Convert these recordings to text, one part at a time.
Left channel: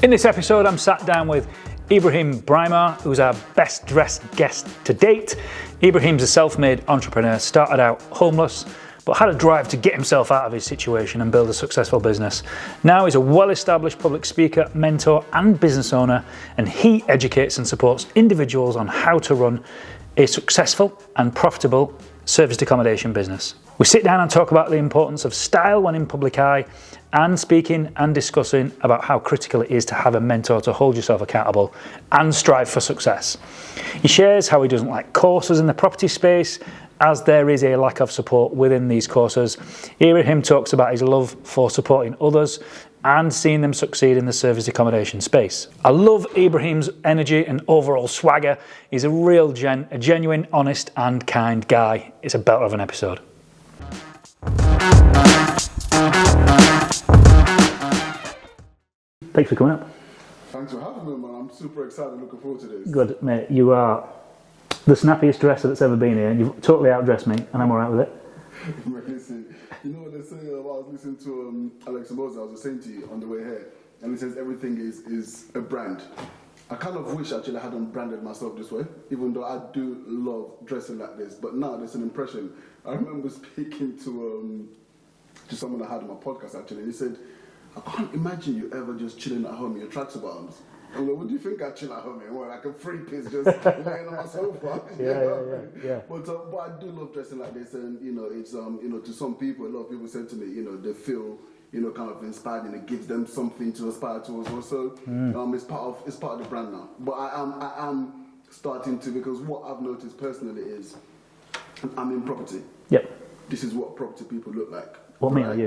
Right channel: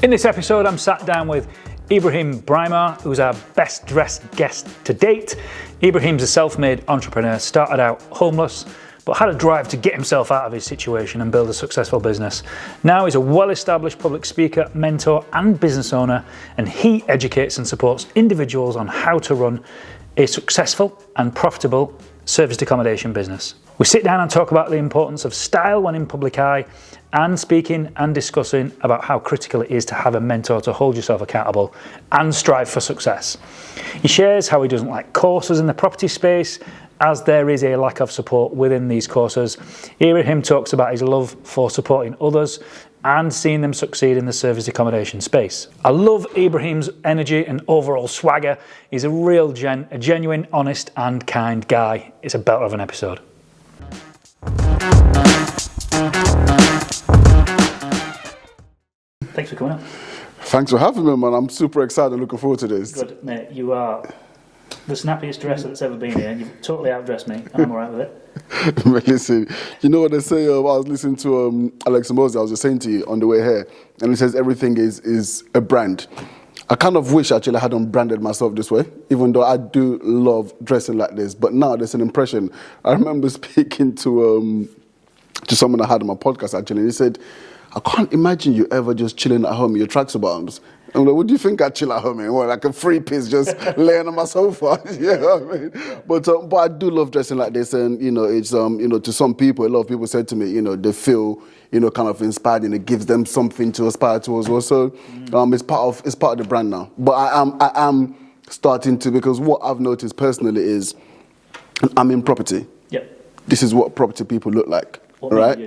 In this episode, I'm sat down with Ibrahim Braimah, who's our best dressed guest to date. Ibrahim's a self-made entrepreneur, started out homeless, but had a drive to get himself out of his situation and build a successful business. Now he's a well-established public speaker, mentor, and business owner, and he educates and supports individuals on how to run a successful and profitable serviced accommodation business. We sit down and talk about the importance of style when in public eye, and speaking and discussing about how critical it is to have a mentor to hold yourself accountable and strive for success. He shares how he doesn't like courses in the property space, as there is a lack of support within these courses. Ibrahim talks about his love for supporting others and seeing them succeed in the serviced accommodation space. I love Ibrahim's energy and overall swagger. He's a real a genuine, honest and kind guy. It's a belter of an episode. Thanks for coming up. Thanks for having me, man. I'm super excited and looking forward to this. Good, mate. You are the snappiest dresser that's ever been here. You've totally outdressed me, and I'm all right with it. Listen, you know what they say? I was listening to Alex Moses, I was just saying to you on the way here, and he says everything is a brand. I kind of wish actually I hadn't branded myself this way, even though I do love dressing like this. But now there's an impression. I remember speaking to someone I had on my podcast actually, and he said, I can't imagine you ever just chilling at home in your tracksuit bottoms. I'm like, what do you think I chill at home in? What, like a free piece just laying on my sofa? You know what I mean? Yeah. But I do love dressing like this, and it's to some people, a lot of people said to me, they feel kind of inspired, and it gives them something to aspire to as well. So it's part of the brand now. But I am starting to, because what I've noticed personally is I'm in property. Yep. This is what property people look like. What right? You?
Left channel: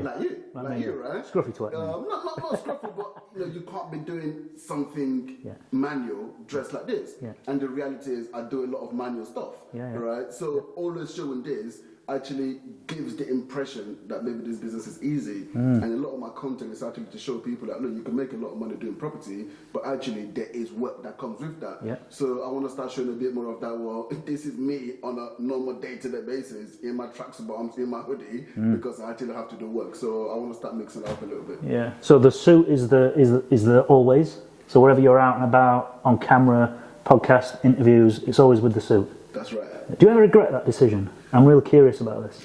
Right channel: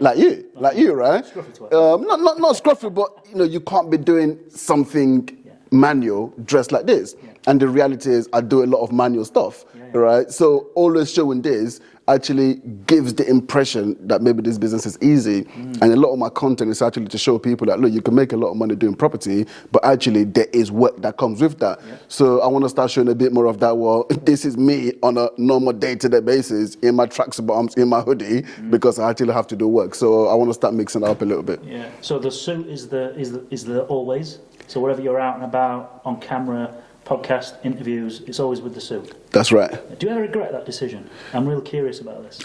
Like you, right? Scruffy to it. Not scruffy, but you can't be doing something manual dressed like this. Yeah. And the reality is I do a lot of manual stuff, right? So always showing this actually gives the impression that maybe this business is easy. And a lot of my content is actually to show people that, look, you can make a lot of money doing property, but actually there is work that comes with that. Yeah. So I want to start showing a bit more of that. Well, this is me on a normal day-to-day basis in my tracksuit bottoms, in my hoodie, because I actually have to do work. So I want to start mixing it up a little bit. Yeah. So the suit is the always. So wherever you're out and about, on camera, podcast, interviews, it's always with the suit. That's right. Do you ever regret that decision? I'm real curious about this.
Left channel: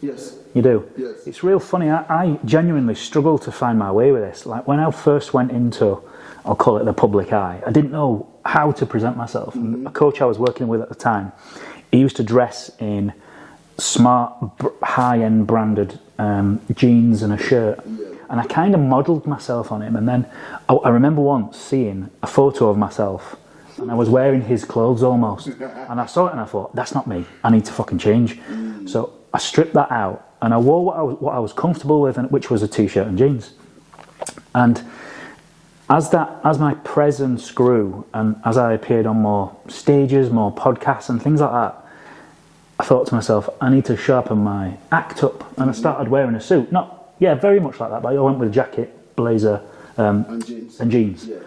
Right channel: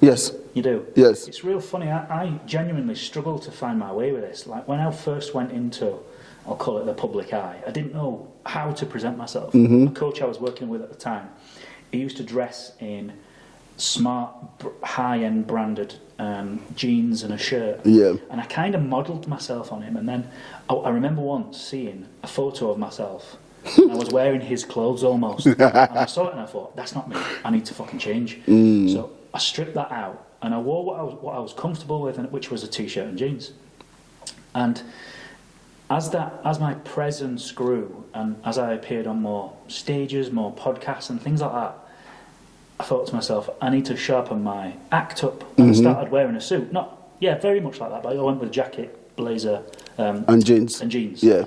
Yes. You do? Yes. It's real funny. I genuinely struggle to find my way with this. Like when I first went into, I'll call it the public eye, I didn't know how to present myself. My coach I was working with at the time, he used to dress in smart, high-end branded jeans and a shirt. Yeah. And I kind of modelled myself on him. And then I remember once seeing a photo of myself and I was wearing his clothes almost. And I saw it and I thought, that's not me. I need to fucking change. So I stripped that out and I wore what I was comfortable with, which was a t-shirt and jeans. And as my presence grew and as I appeared on more stages, more podcasts and things like that, I thought to myself, I need to sharpen my act up. And I started wearing a suit. Very much like that, but I went with a jacket, blazer, and jeans. Yeah.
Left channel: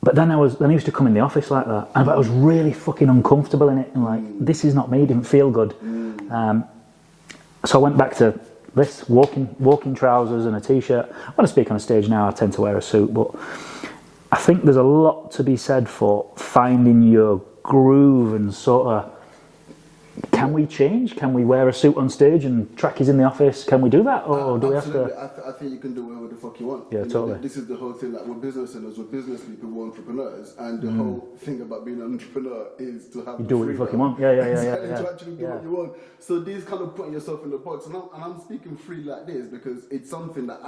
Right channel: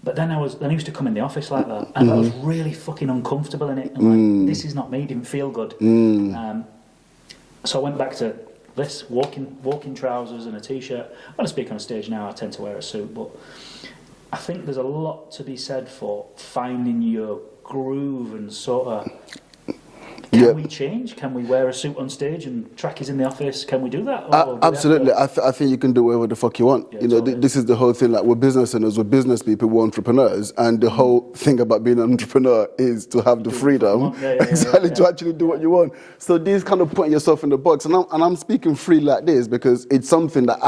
But then I used to come in the office like that, and I was really fucking uncomfortable in it. And like, this is not me. Didn't feel good. So I went back to this walking trousers and a t-shirt. When I speak on a stage now, I tend to wear a suit, but I think there's a lot to be said for finding your groove and sort of. Can we change? Can we wear a suit on stage and trackies in the office? Can we do that? Or absolutely. I think you can do whatever the fuck you want. Yeah, totally. This is the whole thing. Like we're business owners, we're business people, we're entrepreneurs, and the whole thing about being an entrepreneur is to have the freedom to actually do what you want. So this kind of putting yourself in the box, and I'm speaking free like this because it's something that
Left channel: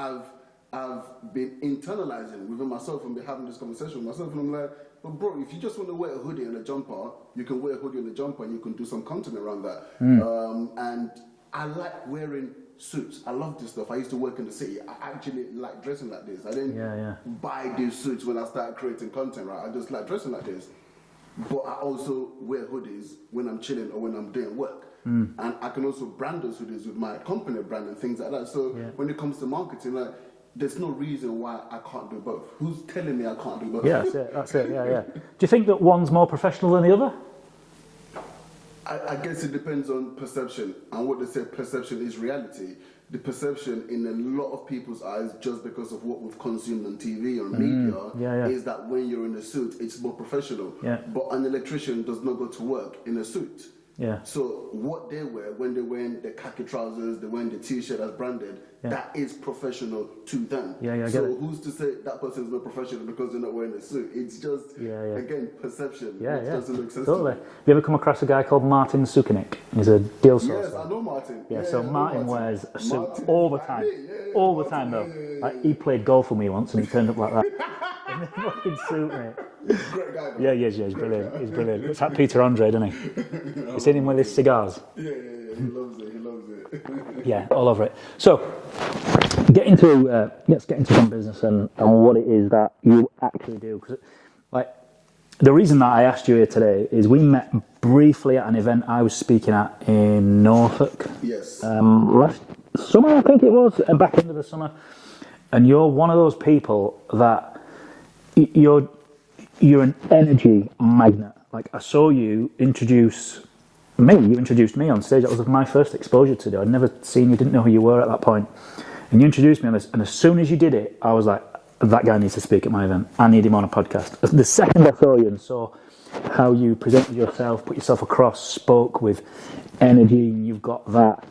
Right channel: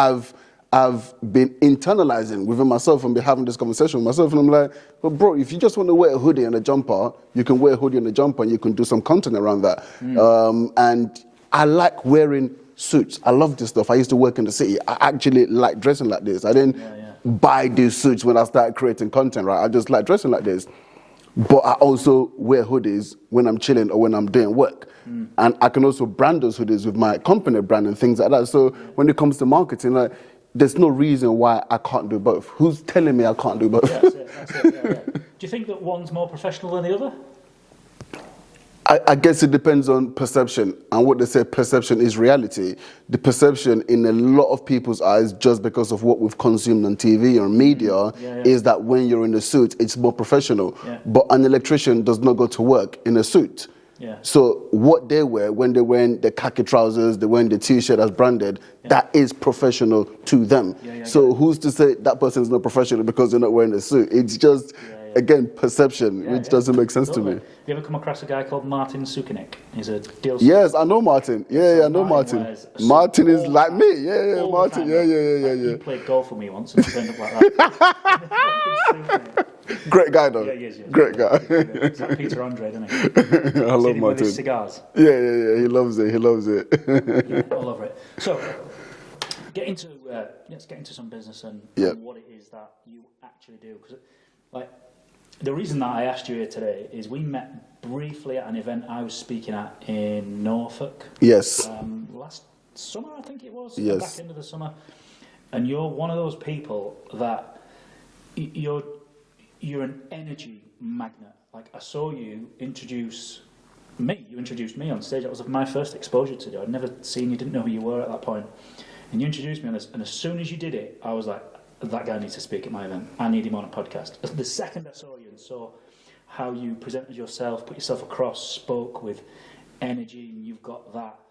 I've been internalizing within myself and been having this conversation with myself. And I'm like, but bro, if you just want to wear a hoodie and a jumper, you can wear a hoodie and a jumper and you can do some content around that. And I like wearing suits. I love this stuff. I used to work in the city. I actually like dressing like this. I didn't buy these suits when I started creating content, right? I just like dressing like this. But I also wear hoodies when I'm chilling or when I'm doing work. And I can also brand those hoodies with my company brand and things like that. So when it comes to marketing, like, there's no reason why I can't do both. Who's telling me I can't do both? Yeah, that's it. Do you think that one's more professional than the other? I guess it depends on perception, and what they say perception is reality. The perception in a lot of people's eyes, just because of what we've consumed on TV or media, is that when you're in a suit, it's more professional. But an electrician does not go to work in a suit. So what they wear, when they're wearing the khaki trousers, they're wearing the t-shirt that's branded, that is professional to them. So who's to say that person is not professional because they're not wearing a suit? It's just, again, perception, which doesn't make sense to me. You ever come across a guy called Martin Sukanik? He's a deal salesman. Yes, I know Martin. I know Martin. Martin is like me. Martin. He played golf with me once and turned up like that. Great guy though. Great guy. It's like Peter Andre, doesn't he? I love Seen him Martin. with his cigars. Yeah. He loves it. Yeah, all over it. So, let's get into some business and what it is that you actually do. Because, the reason that I asked you here today is we met briefly at an event I was speaking at in Norfolk. Yes. Last summer, I think it was, back into the summer. And you're one of those people that you're an energy magnet. Like, I saw you introduce me. You introduced me on stage. That was my first exposure to you. I'd never seen you, didn't know who you were at that point. And you introduced me on this. And as soon as you did it, I was like, that guy needs to speak at my event. I need him on a podcast. The second I saw you and saw how you presented yourself, put yourself across, spoke with energy, and you've got that.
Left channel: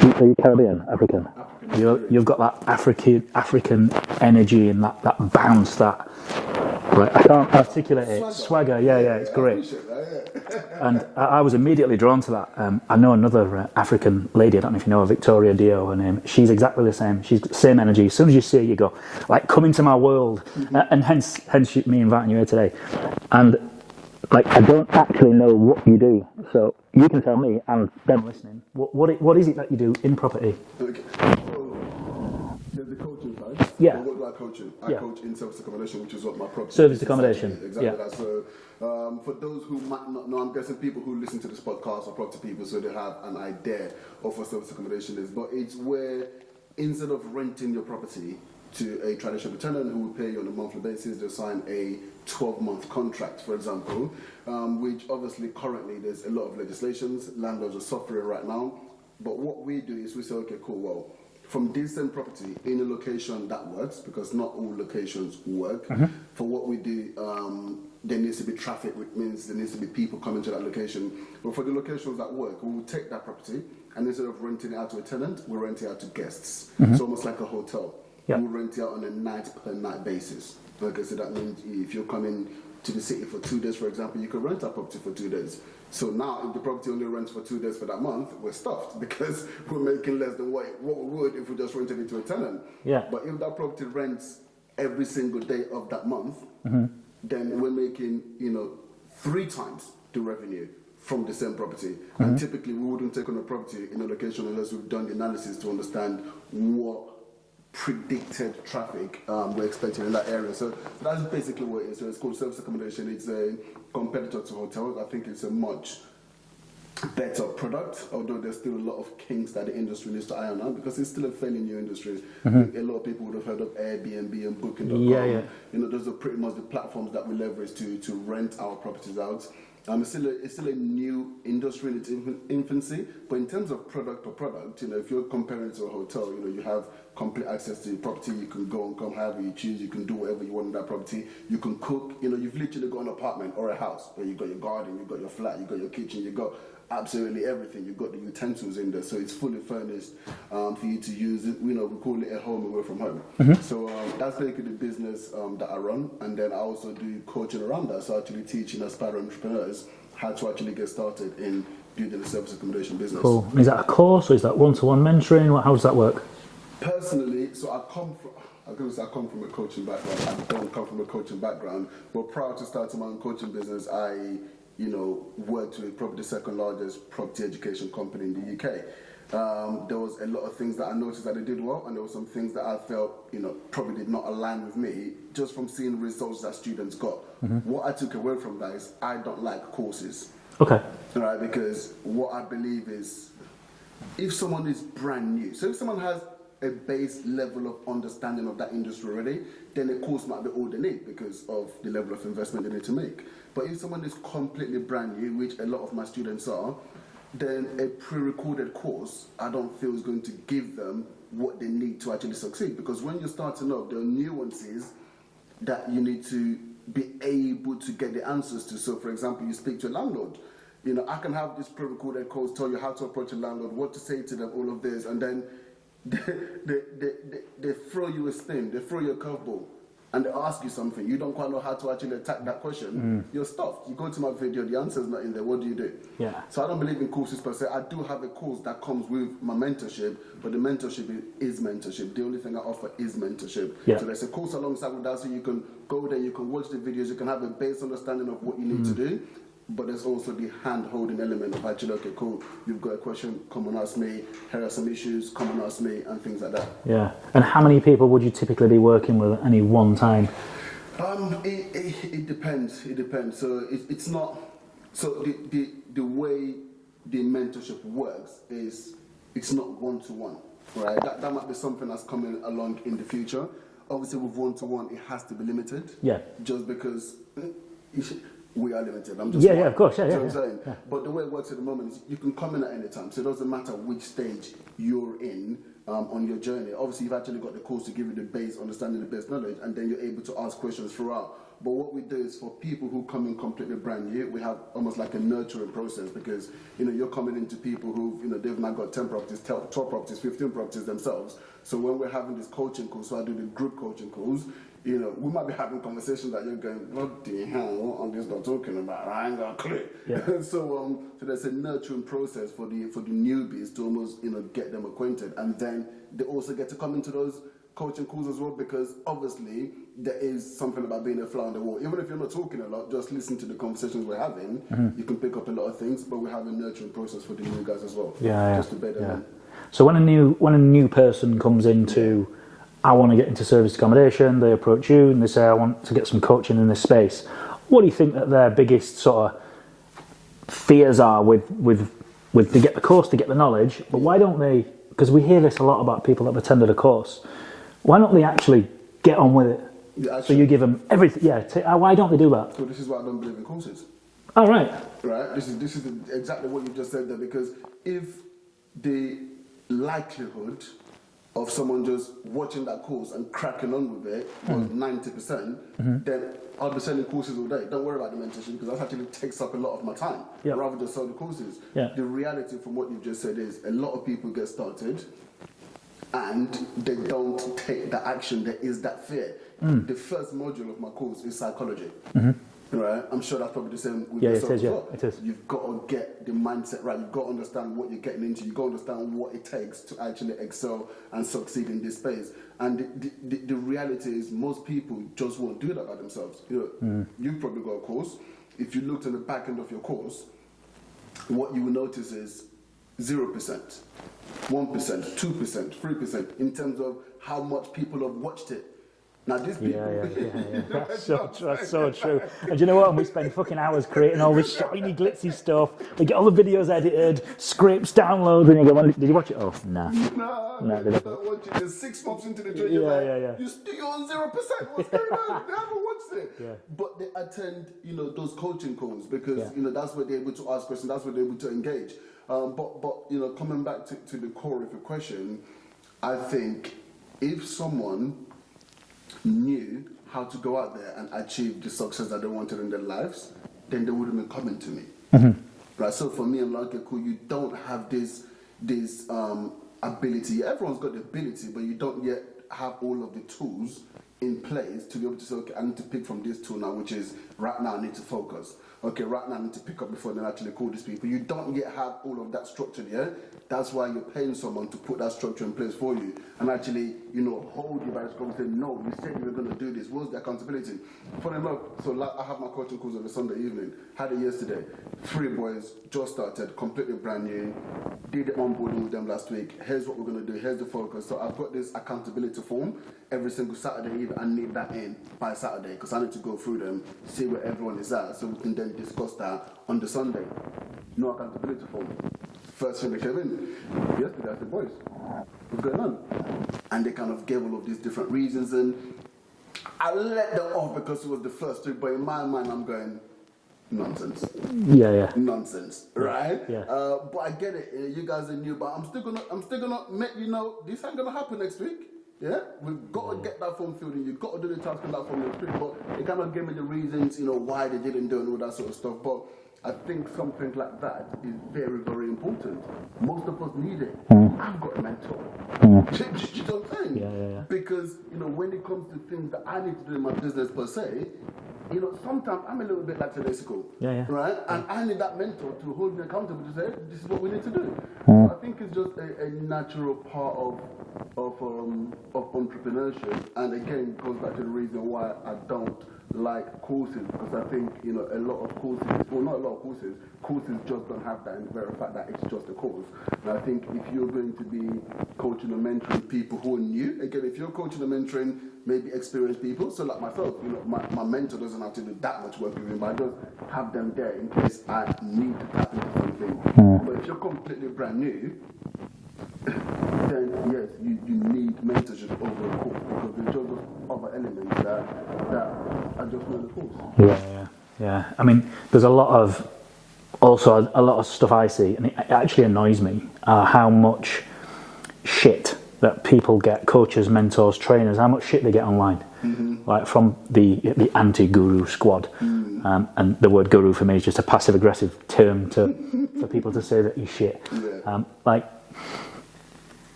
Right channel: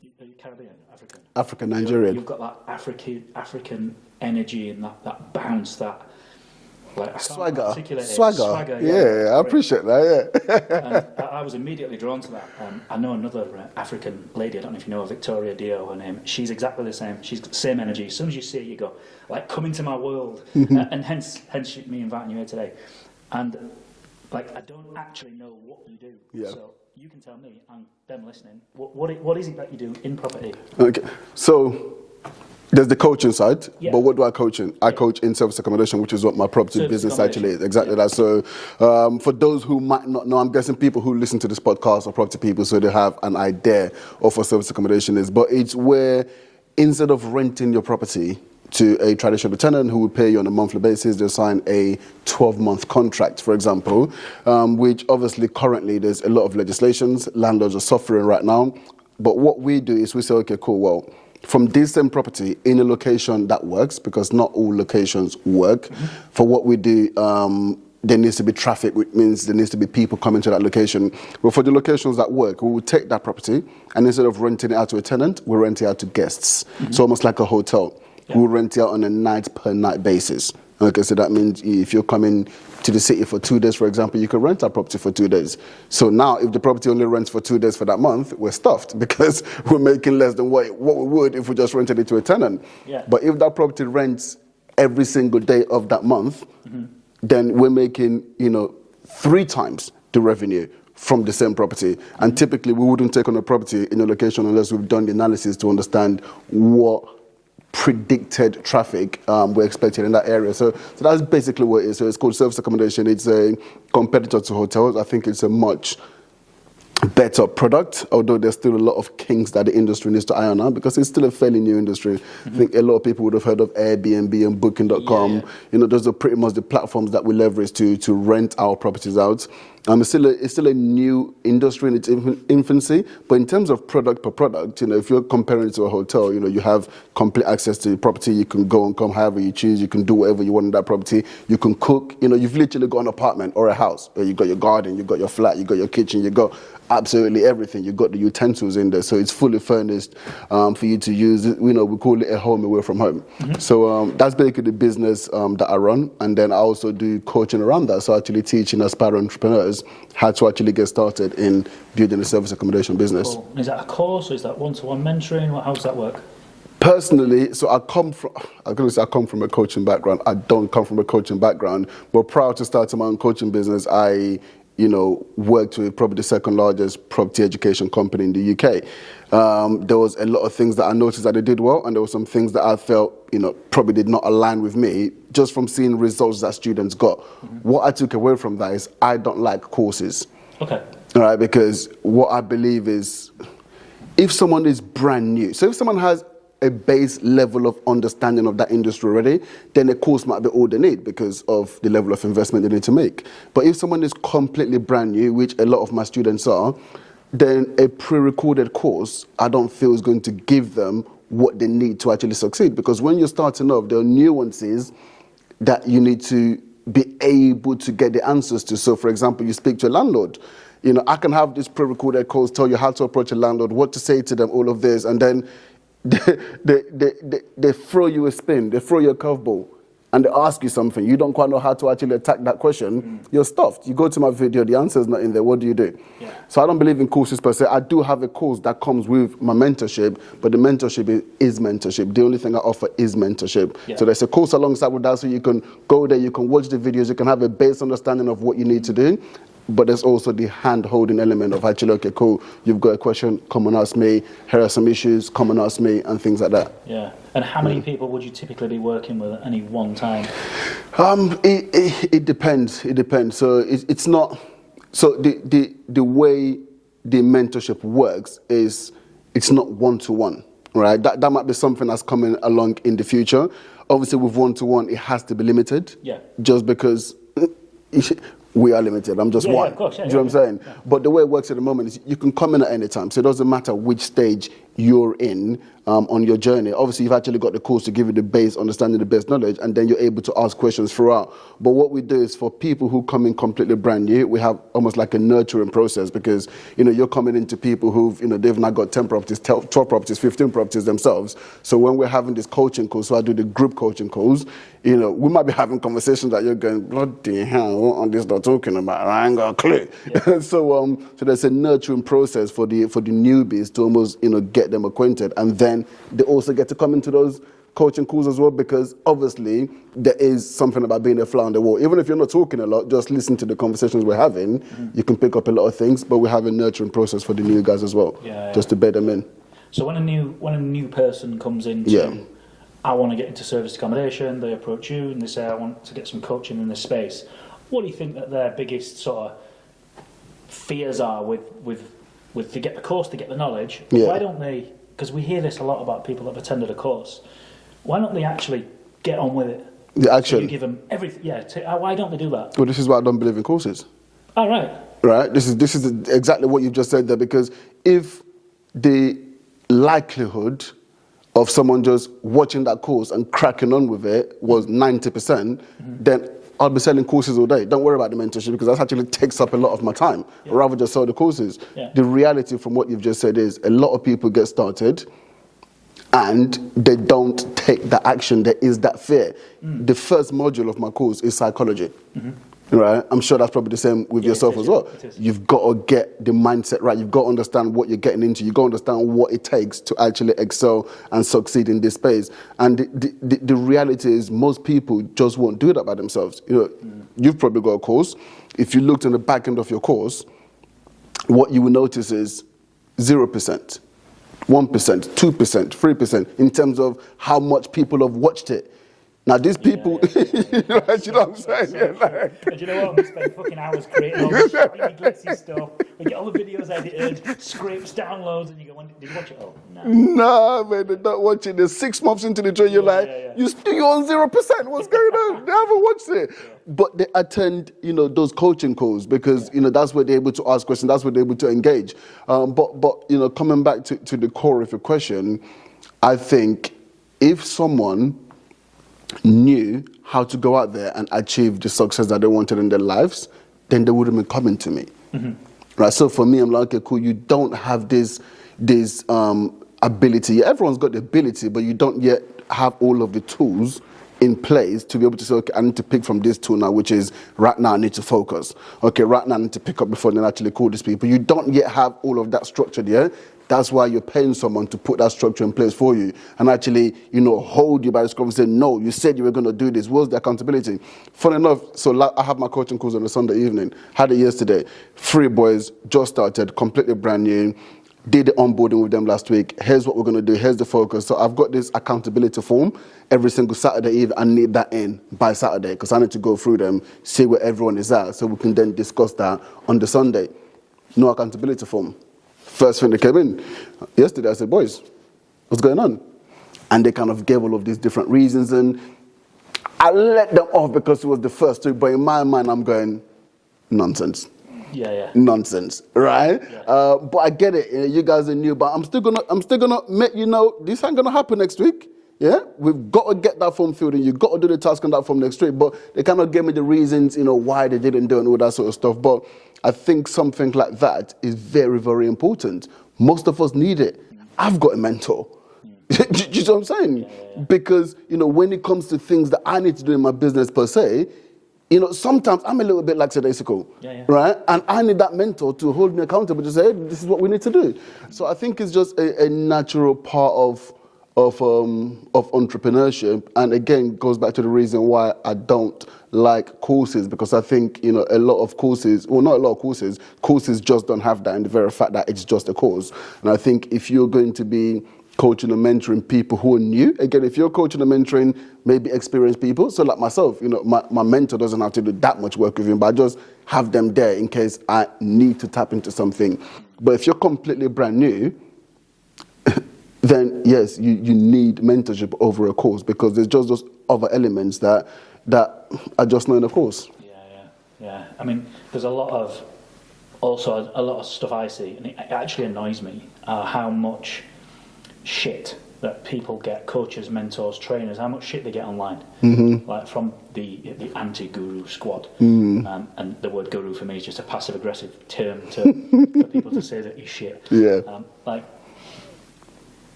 Are you Caribbean? African? African, Nigerian. You've got that African energy and that bounce, that... Right, I can't articulate it. Swagger. I appreciate that, And I was immediately drawn to that. I know another African lady, I don't know if you know her, Victoria Dio, her name. She's exactly the same. She's got the same energy. As soon as you see her, you go, like, come into my world. And hence me inviting you here today. And, I don't actually know what you do. So you can tell me, and them listening, what is it that you do in property? Okay, so... There's the coaching side, but what do I coach in? I coach in service accommodation, which is what my property business actually is. Exactly that. So for those who might not know, I'm guessing people who listen to this podcast are property people, so they have an idea of what service accommodation is. But it's where, instead of renting your property to a traditional tenant who will pay you on a monthly basis, they'll sign a 12-month contract, for example, which obviously currently there's a lot of legislations. Landlords are suffering right now. But what we do is we say, okay, cool, well, from this same property in a location that works, because not all locations work. For what we do, there needs to be traffic, which means there needs to be people coming to that location. But for the locations that work, we will take that property, and instead of renting it out to a tenant, we rent it out to guests. So almost like a hotel. We'll rent it out on a night-per-night basis. Okay, so that means if you're coming to the city for 2 days, for example, you can rent our property for 2 days. So now, if the property only rents for 2 days for that month, we're stuffed because we're making less than what we would if we just rented it to a tenant. But if that property rents every single day of that month, then we're making, 3 times the revenue from the same property. And typically, we wouldn't take on a property in a location unless we've done the analysis to understand what predicted traffic we're expecting in that area. So that's basically what it is. So it's called service accommodation. It's a competitor to hotels. I think it's a much better product, although there's still a lot of kinks that the industry needs to iron out because it's still a fairly new industry. I think a lot of people would have heard of Airbnb and Booking.com. Those are pretty much the platforms that we leverage to rent our properties out. It's still a new industry in its infancy, but in terms of product per product, if you're comparing it to a hotel, you have complete access to the property. You can go and come however you choose. You can do whatever you want in that property. You can cook. You've literally got an apartment or a house. You've got your garden, you've got your flat, you've got your kitchen, you've got absolutely everything. You've got the utensils in there, so it's fully furnished for you to use. We call it a home away from home. So that's basically the business that I run, and then I also do coaching around that. So actually teaching aspiring entrepreneurs how to actually get started in building a service accommodation business. Cool. Is that a course or is that one-to-one mentoring? How does that work? Personally, so I come from a coaching background. I don't come from a coaching background, but prior to starting my own coaching business, I worked with probably the second largest property education company in the UK. There was a lot of things that I noticed that they did well, and there were some things that I felt, probably did not align with me, just from seeing results that students got. What I took away from that is I don't like courses. Okay. All right, because what I believe is, if someone is brand new, so if someone has a base level of understanding of that industry already, then a course might be all they need because of the level of investment they need to make. But if someone is completely brand new, which a lot of my students are, then a pre-recorded course, I don't feel is going to give them what they need to actually succeed. Because when you're starting off, there are nuances that you need to be able to get the answers to. So, for example, you speak to a landlord. You know, I can have this pre-recorded course, tell you how to approach a landlord, what to say to them, all of this, and then they throw you a spin, they throw you a curveball, and they ask you something. You don't quite know how to actually attack that question. You're stuffed. You go to my video, the answer's not in there. What do you do? Yeah. So I don't believe in courses per se. I do have a course that comes with my mentorship, but the mentorship is mentorship. The only thing I offer is mentorship. Yeah. So there's a course alongside with that, so you can go there, you can watch the videos, you can have a base understanding of what you need to do. But there's also the hand-holding element of actually, okay, cool, you've got a question, come and ask me, here are some issues, come and ask me, and things like that. Yeah. And how many people would you typically be working with at any one time? It depends. It depends. So it's not. So the way the mentorship works is it's not one-to-one, right? That might be something that's coming along in the future. Obviously, with one-to-one, it has to be limited. Yeah. Just because. We are limited. I'm just one. Yeah, of course. Yeah, do you know what I'm saying? Yeah. But the way it works at the moment is you can come in at any time. So it doesn't matter which stage you're in on your journey. Obviously, you've actually got the course to give you the base, understanding the base knowledge, and then you're able to ask questions throughout. But what we do is for people who come in completely brand new, we have almost like a nurturing process because, you know, you're coming into people who've, you know, they've now got 10 properties, 12 properties, 15 properties themselves. So when we're having this coaching course, so I do the group coaching calls, you know, we might be having conversations that you're going, bloody hell, what are this not talking about? I ain't got a clue. Yeah. So there's a nurturing process for the newbies to almost, you know, get them acquainted, and then they also get to come into those coaching calls as well, because obviously there is something about being a fly on the wall. Even if you're not talking a lot, just listen to the conversations we're having. You can pick up a lot of things, but we have a nurturing process for the new guys as well, just to bed them in. So when a new person comes into, I want to get into serviced accommodation, they approach you and they say, I want to get some coaching in this space. What do you think that their biggest sort of fears are with to get the course, to get the knowledge? But why don't they, because we hear this a lot about people that have attended a course, why don't they actually get on with it? Yeah, actually, so you give them everything. Yeah, why don't they do that? Well, this is why I don't believe in courses. Oh, right. Right. This is exactly what you've just said there, because if the likelihood of someone just watching that course and cracking on with it was 90%, then I'll be selling courses all day. Don't worry about the mentorship, because that actually takes up a lot of my time. I'd rather just sell the courses. The reality from what you've just said is a lot of people get started and they don't take the action. There is that fear. The first module of my course is psychology. Right? I'm sure that's probably the same with yourself as well. You've got to get the mindset right. You've got to understand what you're getting into. You've got to understand what it takes to actually excel and succeed in this space. And the reality is most people just won't do that by themselves. You know, you've probably got a course. If you looked on the back end of your course, what you will notice is 0%, 1%, 2%, 3% in terms of how much people have watched it. Now, these people, you know what I'm saying? So true. And you know what? We spend fucking hours creating all this shiny, glitzy stuff. We get all the videos edited, scripts, downloads, and you go, did you watch it? Oh, no. Nah, man, you're not watching it. 6 months into the journey, you're like, you're on 0%. What's going on? They haven't watched it. But they attend, you know, those coaching calls because, you know, that's where they're able to ask questions. That's where they're able to engage. But you know, coming back to the core of your question, I think if someone knew how to go out there and achieve the success that they wanted in their lives, then they wouldn't be coming to me. Right? So for me, I'm like, okay, cool, you don't have this ability. Everyone's got the ability, but you don't yet have all of the tools in place to be able to say, okay, I need to pick from this tool now, which is right now I need to focus. Okay, right now I need to pick up before then actually call these people. You don't yet have all of that structured yet. That's why you're paying someone to put that structure in place for you and actually, you know, hold you by the scruff and say, no, you said you were going to do this. What's the accountability? Funny enough, so I have my coaching course on a Sunday evening. Had it yesterday. 3 boys, just started, completely brand new. Did the onboarding with them last week. Here's what we're going to do. Here's the focus. So I've got this accountability form. Every single Saturday evening, I need that in by Saturday because I need to go through them, see where everyone is at, so we can then discuss that on the Sunday. No accountability form. First thing that came in, yesterday I said, boys, what's going on? And they kind of gave all of these different reasons, and I let them off because it was the first two, but in my mind, I'm going, nonsense. Yeah. Nonsense, right? Yeah. But I get it. You guys are new, but I'm still gonna make you know this ain't gonna happen next week. Yeah, we've got to get that form filled in. You've got to do the task on that form next week. But they kind of gave me the reasons, why they didn't do it and all that sort of stuff. But I think something like that is very, very important. Most of us need it. I've got a mentor. Do you know what I'm saying? Yeah. Because, when it comes to things that I need to do in my business per se, sometimes I'm a little bit lackadaisical, right? And I need that mentor to hold me accountable to say, hey, this is what we need to do. So I think it's just a natural part of entrepreneurship, and again goes back to the reason why I don't like courses, because I think a lot of courses, well, not a lot of courses just don't have that in the very fact that it's just a course. And I think if you're going to be coaching and mentoring people who are new, again, if you're coaching and mentoring maybe experienced people, so like myself, my mentor doesn't have to do that much work with him, but I just have them there in case I need to tap into something. But if you're completely brand new, then yes, you need mentorship over a course, because there's just those other elements that are just not in a course. Yeah. I mean, there's a lot of stuff I see, and it actually annoys me how much shit that people get, coaches, mentors, trainers, how much shit they get online, like from the anti-guru squad. And the word guru for me is just a passive-aggressive term for people to say that you're shit. Yeah.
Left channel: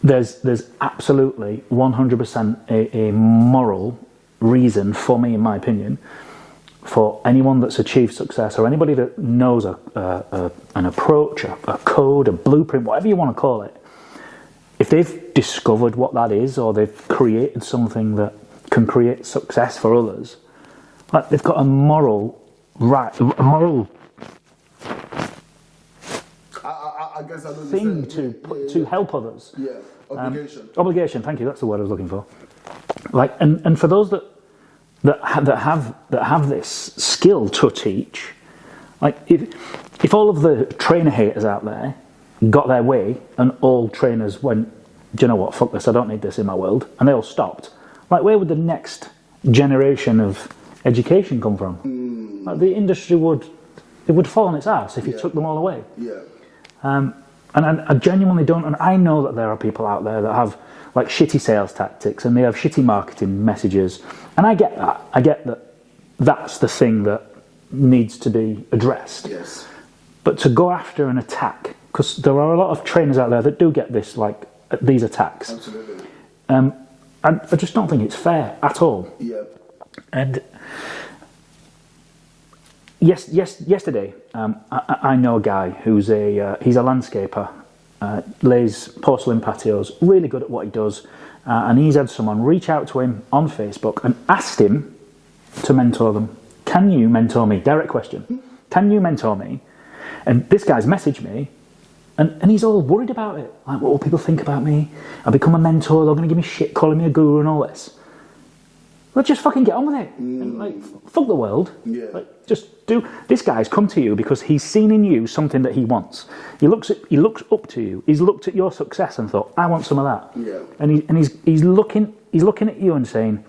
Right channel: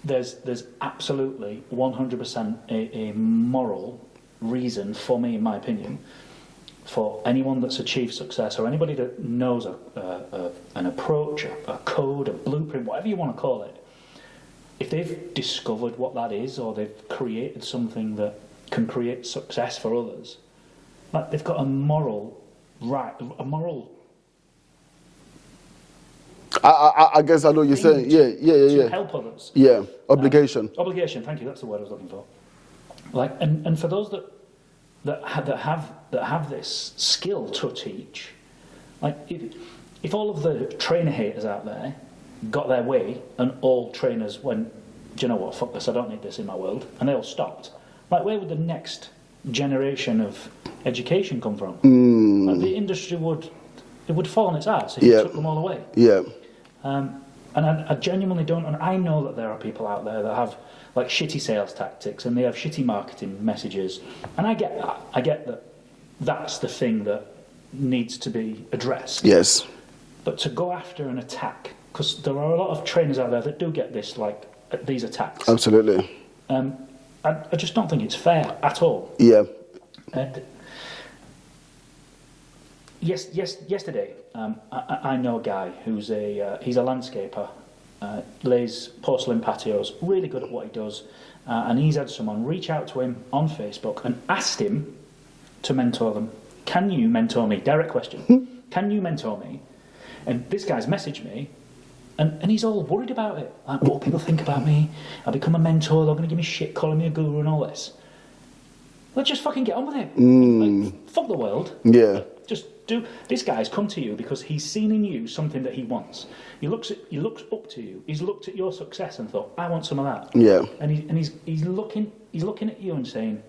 There's absolutely 100% a moral reason for me, in my opinion, for anyone that's achieved success, or anybody that knows an approach, a code, a blueprint, whatever you want to call it. If they've discovered what that is, or they've created something that can create success for others, like they've got a moral right, I guess I know what you're saying. To help others. Yeah, obligation. Obligation. Thank you. That's the word I was looking for. And for those that have this skill to teach, if all of the trainer haters out there got their way and all trainers went, do you know what? Fuck this. I don't need this in my world, and they all stopped. Where would the next generation of education come from? The industry would fall on its ass if you took them all away. Yeah. And I genuinely don't, and I know that there are people out there that have shitty sales tactics, and they have shitty marketing messages, and I get that. I get that that's the thing that needs to be addressed. Yes. But to go after an attack, because there are a lot of trainers out there that do get this, these attacks. Absolutely. And I just don't think it's fair at all. Yeah. And yesterday, I know a guy who's he's a landscaper, lays porcelain patios, really good at what he does, and he's had someone reach out to him on Facebook and asked him to mentor them. Can you mentor me? Direct question. Can you mentor me? And this guy's messaged me, and he's all worried about it. What will people think about me? I'll become a mentor, they're going to give me shit, calling me a guru and all this. Let's just fucking get on with it. Fuck the world. Yeah. Just do. This guy's come to you because he's seen in you something that he wants. He looks up to you. He's looked at your success and thought, I want some of that. Yeah. And he's looking at you and saying,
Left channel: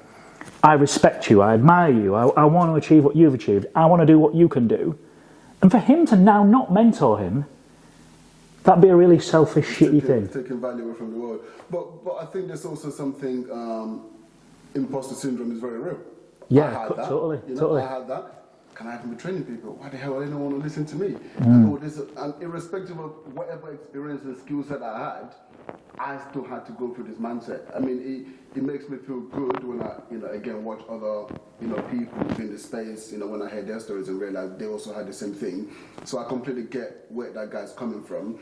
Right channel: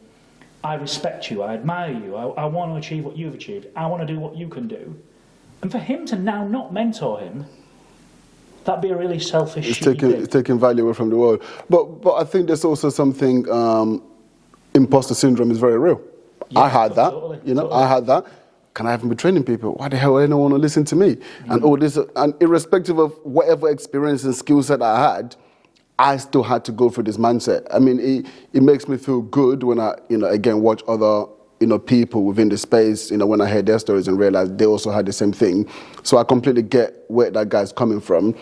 I respect you. I admire you. I want to achieve what you've achieved. I want to do what you can do. And for him to now not mentor him, that'd be a really selfish, shitty thing. It's taking value away from the world. But I think there's also something. Imposter syndrome is very real. Yeah, I had that. Totally. I had that. Can I even be training people? Why the hell would anyone want to listen to me? And all this, and irrespective of whatever experience and skill set I had, I still had to go through this mindset. I mean, it makes me feel good when I, again, watch other, people within the space, when I hear their stories and realize they also had the same thing. So I completely get where that guy's coming from.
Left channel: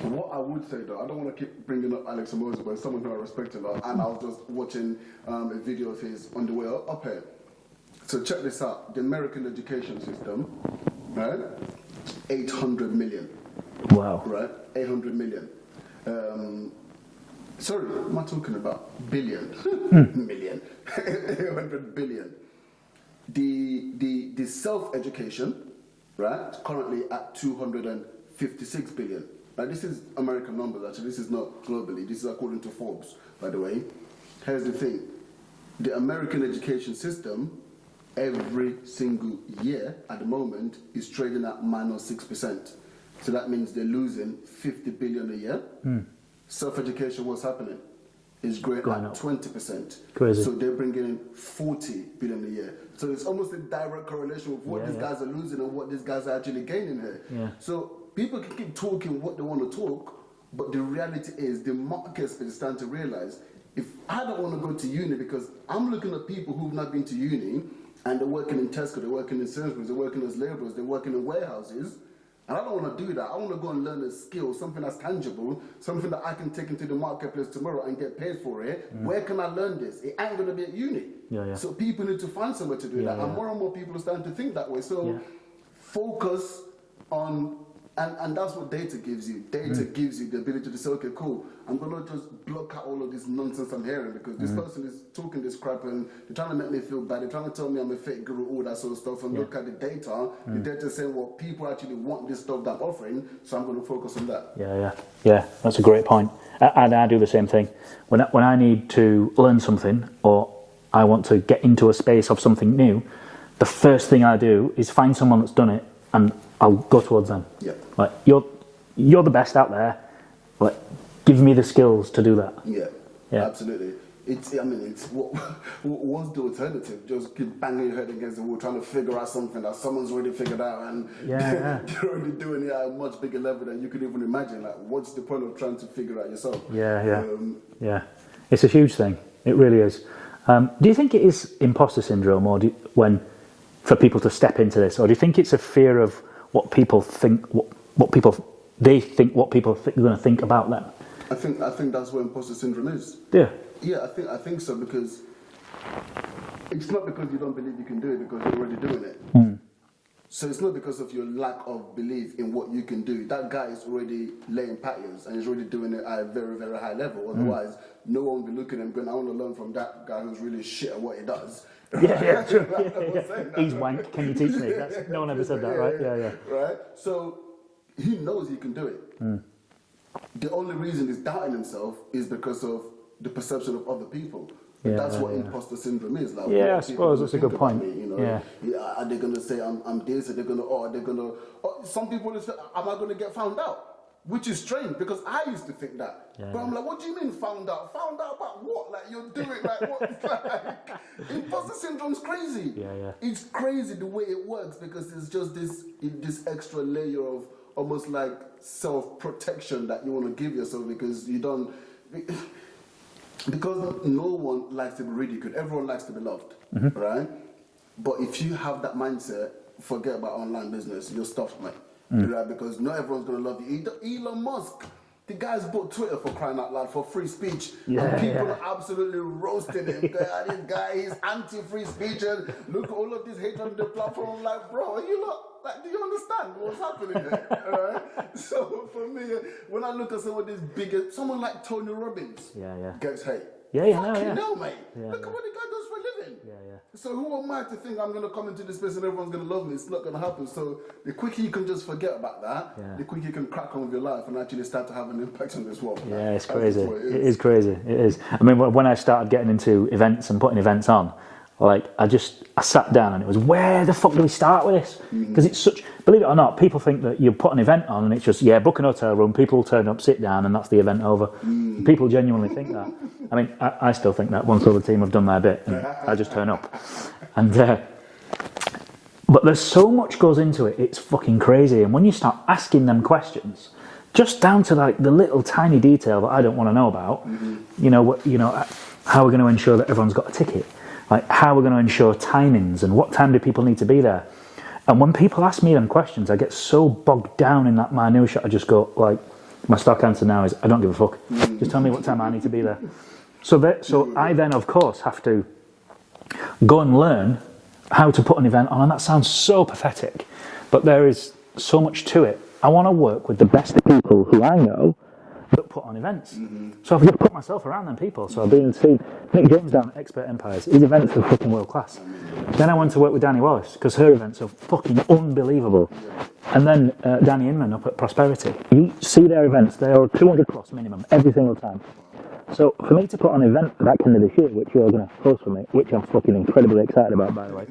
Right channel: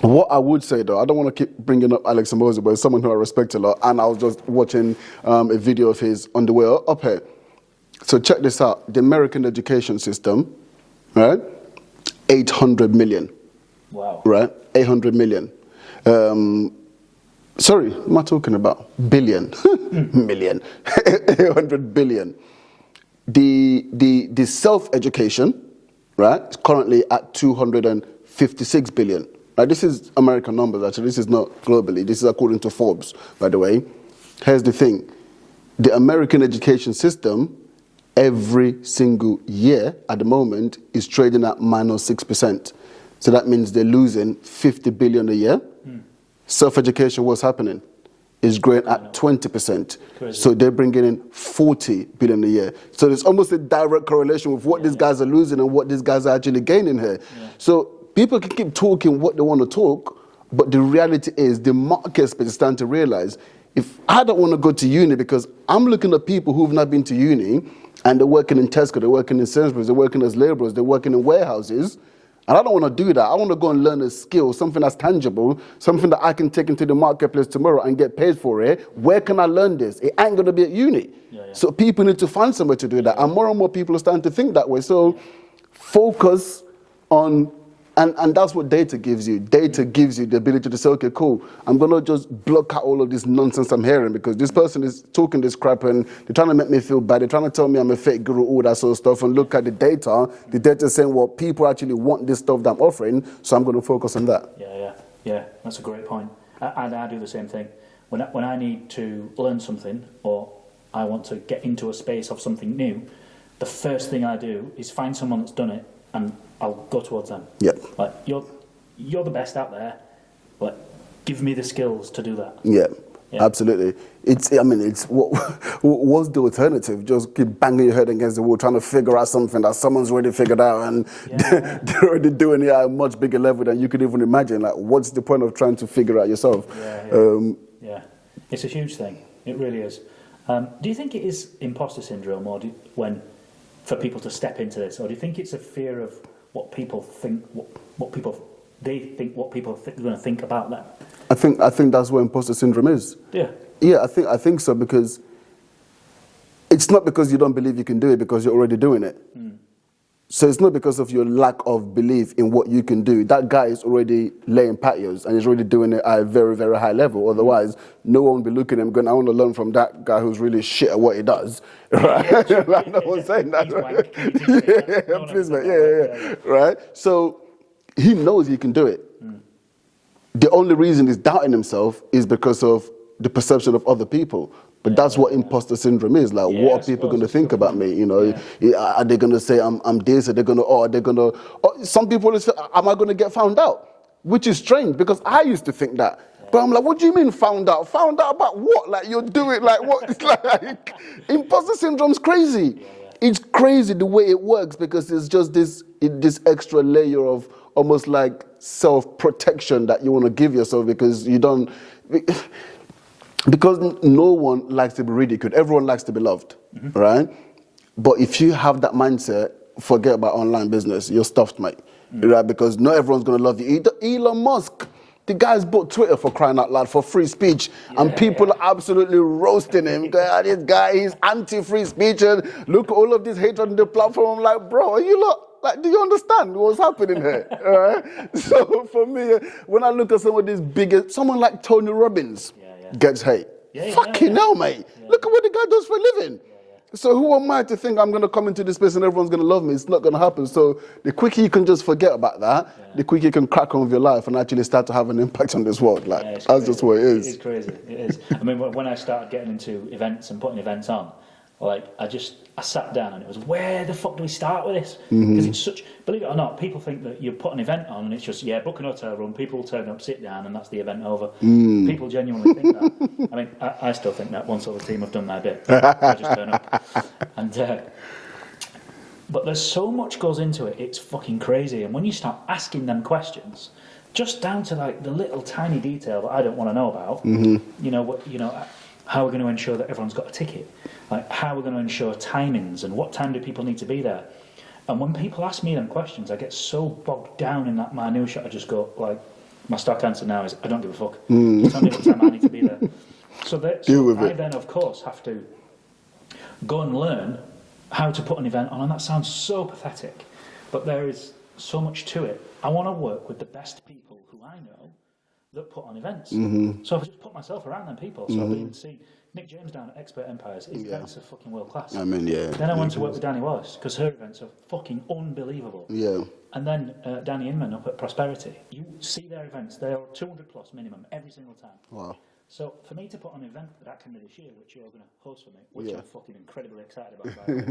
What I would say, though, I don't want to keep bringing up Alex Mbosi, but it's someone who I respect a lot, and I was just watching a video of his on the way up here. So check this out. The American education system, right? 800 million. Wow. Right? 800 million. Sorry, what am I talking about? Billion. Million. 800 billion. The self-education, right, is currently at 256 billion. Like, this is American numbers, actually. This is not globally. This is according to Forbes, by the way. Here's the thing. The American education system, every single year at the moment, is trading at -6%. So that means they're losing 50 billion a year. Self-education, what's happening? Is growing at 20%. Crazy. So they're bringing in 40 billion a year. So there's almost a direct correlation with what these guys are losing and what these guys are actually gaining here. So people can keep talking what they want to talk, but the reality is the market space is starting to realize, if I don't want to go to uni, because I'm looking at people who've not been to uni and they're working in Tesco, they're working in Sainsbury's, they're working as labourers, they're working in warehouses, and I don't want to do that. I want to go and learn a skill, something that's tangible, something that I can take into the marketplace tomorrow and get paid for it. Where can I learn this? It ain't going to be at uni. So people need to find somewhere to do that. And more people are starting to think that way. So focus on, and that's what data gives you. Data gives you the ability to say, okay, cool, I'm going to just block out all of this nonsense I'm hearing, because this person is talking this crap and they're trying to make me feel bad. They're trying to tell me I'm a fake guru, all that sort of stuff, and look at the data. The data is saying, well, people actually want this stuff that I'm offering, so I'm going to focus on that. Yeah, that's a great point. I do the same thing. When I need to learn something, or I want to get into a space of something new, the first thing I do is find someone that's done it, and I'll go towards them. Like, you're the best out there. Like, give me the skills to do that. Yeah. Absolutely. It's what's the alternative? Just keep banging your head against the wall, trying to figure out something that someone's already figured out, and they're already doing it at a much bigger level than you could even imagine. Like, what's the point of trying to figure out yourself? It's a huge thing. It really is. Do you think it is imposter syndrome, or for people to step into this, or do you think it's a fear of what people think, what people think are going to think about them? I think that's what imposter syndrome is. I think so, because it's not because you don't believe you can do it, because you're already doing it. So it's not because of your lack of belief in what you can do. That guy is already laying patios and he's already doing it at a very, very high level. Otherwise, no one will be looking at him going, I want to learn from that guy who's really shit at what he does. Right? Like, no one's saying that. He's wank. Can you teach me? No one ever said that, right? Right? So he knows he can do it. The only reason he's doubting himself is because of the perception of other people. But that's what imposter syndrome is. Like, what are people going to think about me? You know, are they going to say I'm this? Are they going to, some people will say, am I going to get found out? Which is strange, because I used to think that. But I'm like, what do you mean found out? Found out about what? Like, you're doing, like, what? It's like, imposter syndrome's crazy. It's crazy the way it works, because it's just this extra layer of almost like self-protection that you want to give yourself, because you don't... Because no one likes to be ridiculed. Everyone likes to be loved, right? But if you have that mindset, forget about online business. You're stuffed, mate. Right? Because not everyone's going to love you. Elon Musk, the guy's bought Twitter, for crying out loud, for free speech. And people are absolutely roasting him. This guy, he's anti-free speech. And look at all of this hatred on the platform. I'm like, bro, are you lot? Like, do you understand what's happening here? All right? So for me, when I look at some of these biggest, someone like Tony Robbins gets hate. Fucking hell, mate. Look at what the guy does for a living. So who am I to think I'm going to come into this place and everyone's going to love me? It's not going to happen. So the quicker you can just forget about that, the quicker you can crack on with your life and actually start to have an impact on this world. Like, that's just what it is. It is crazy. It is. I mean, when I started getting into events and putting events on, like, I sat down and it was, where the fuck do we start with this? Because it's such, believe it or not, people think that you put an event on and it's just, book an hotel room, people will turn up, sit down, and that's the event over. People genuinely think that. I mean, I still think that once all the team have done their bit, I just turn up. And but there's so much goes into it, it's fucking crazy. And when you start asking them questions, just down to like the little tiny detail that I don't want to know about, how we're going to ensure that everyone's got a ticket, like how we're going to ensure timings and what time do people need to be there. And when people ask me them questions, I get so bogged down in that minutiae, I just go, like, my stock answer now is, I don't give a fuck. Just tell me what time I need to be there. So I then, of course, have to go and learn how to put an event on, and that sounds so pathetic, but there is so much to it. I want to work with the best people who I know that put on events. So I've just put myself around them people. So I've been seeing Nick James down at Expert Empires. His events are fucking world class. I mean, yeah. Then I went to work with Danny Wallace because her events are fucking unbelievable. Yeah. And then Danny Inman up at Prosperity. You see their events, they are 200 plus minimum every single time. Wow. So for me to put on an event that kind of this year, which you're going to host for me, which I'm fucking incredibly excited about, by the way,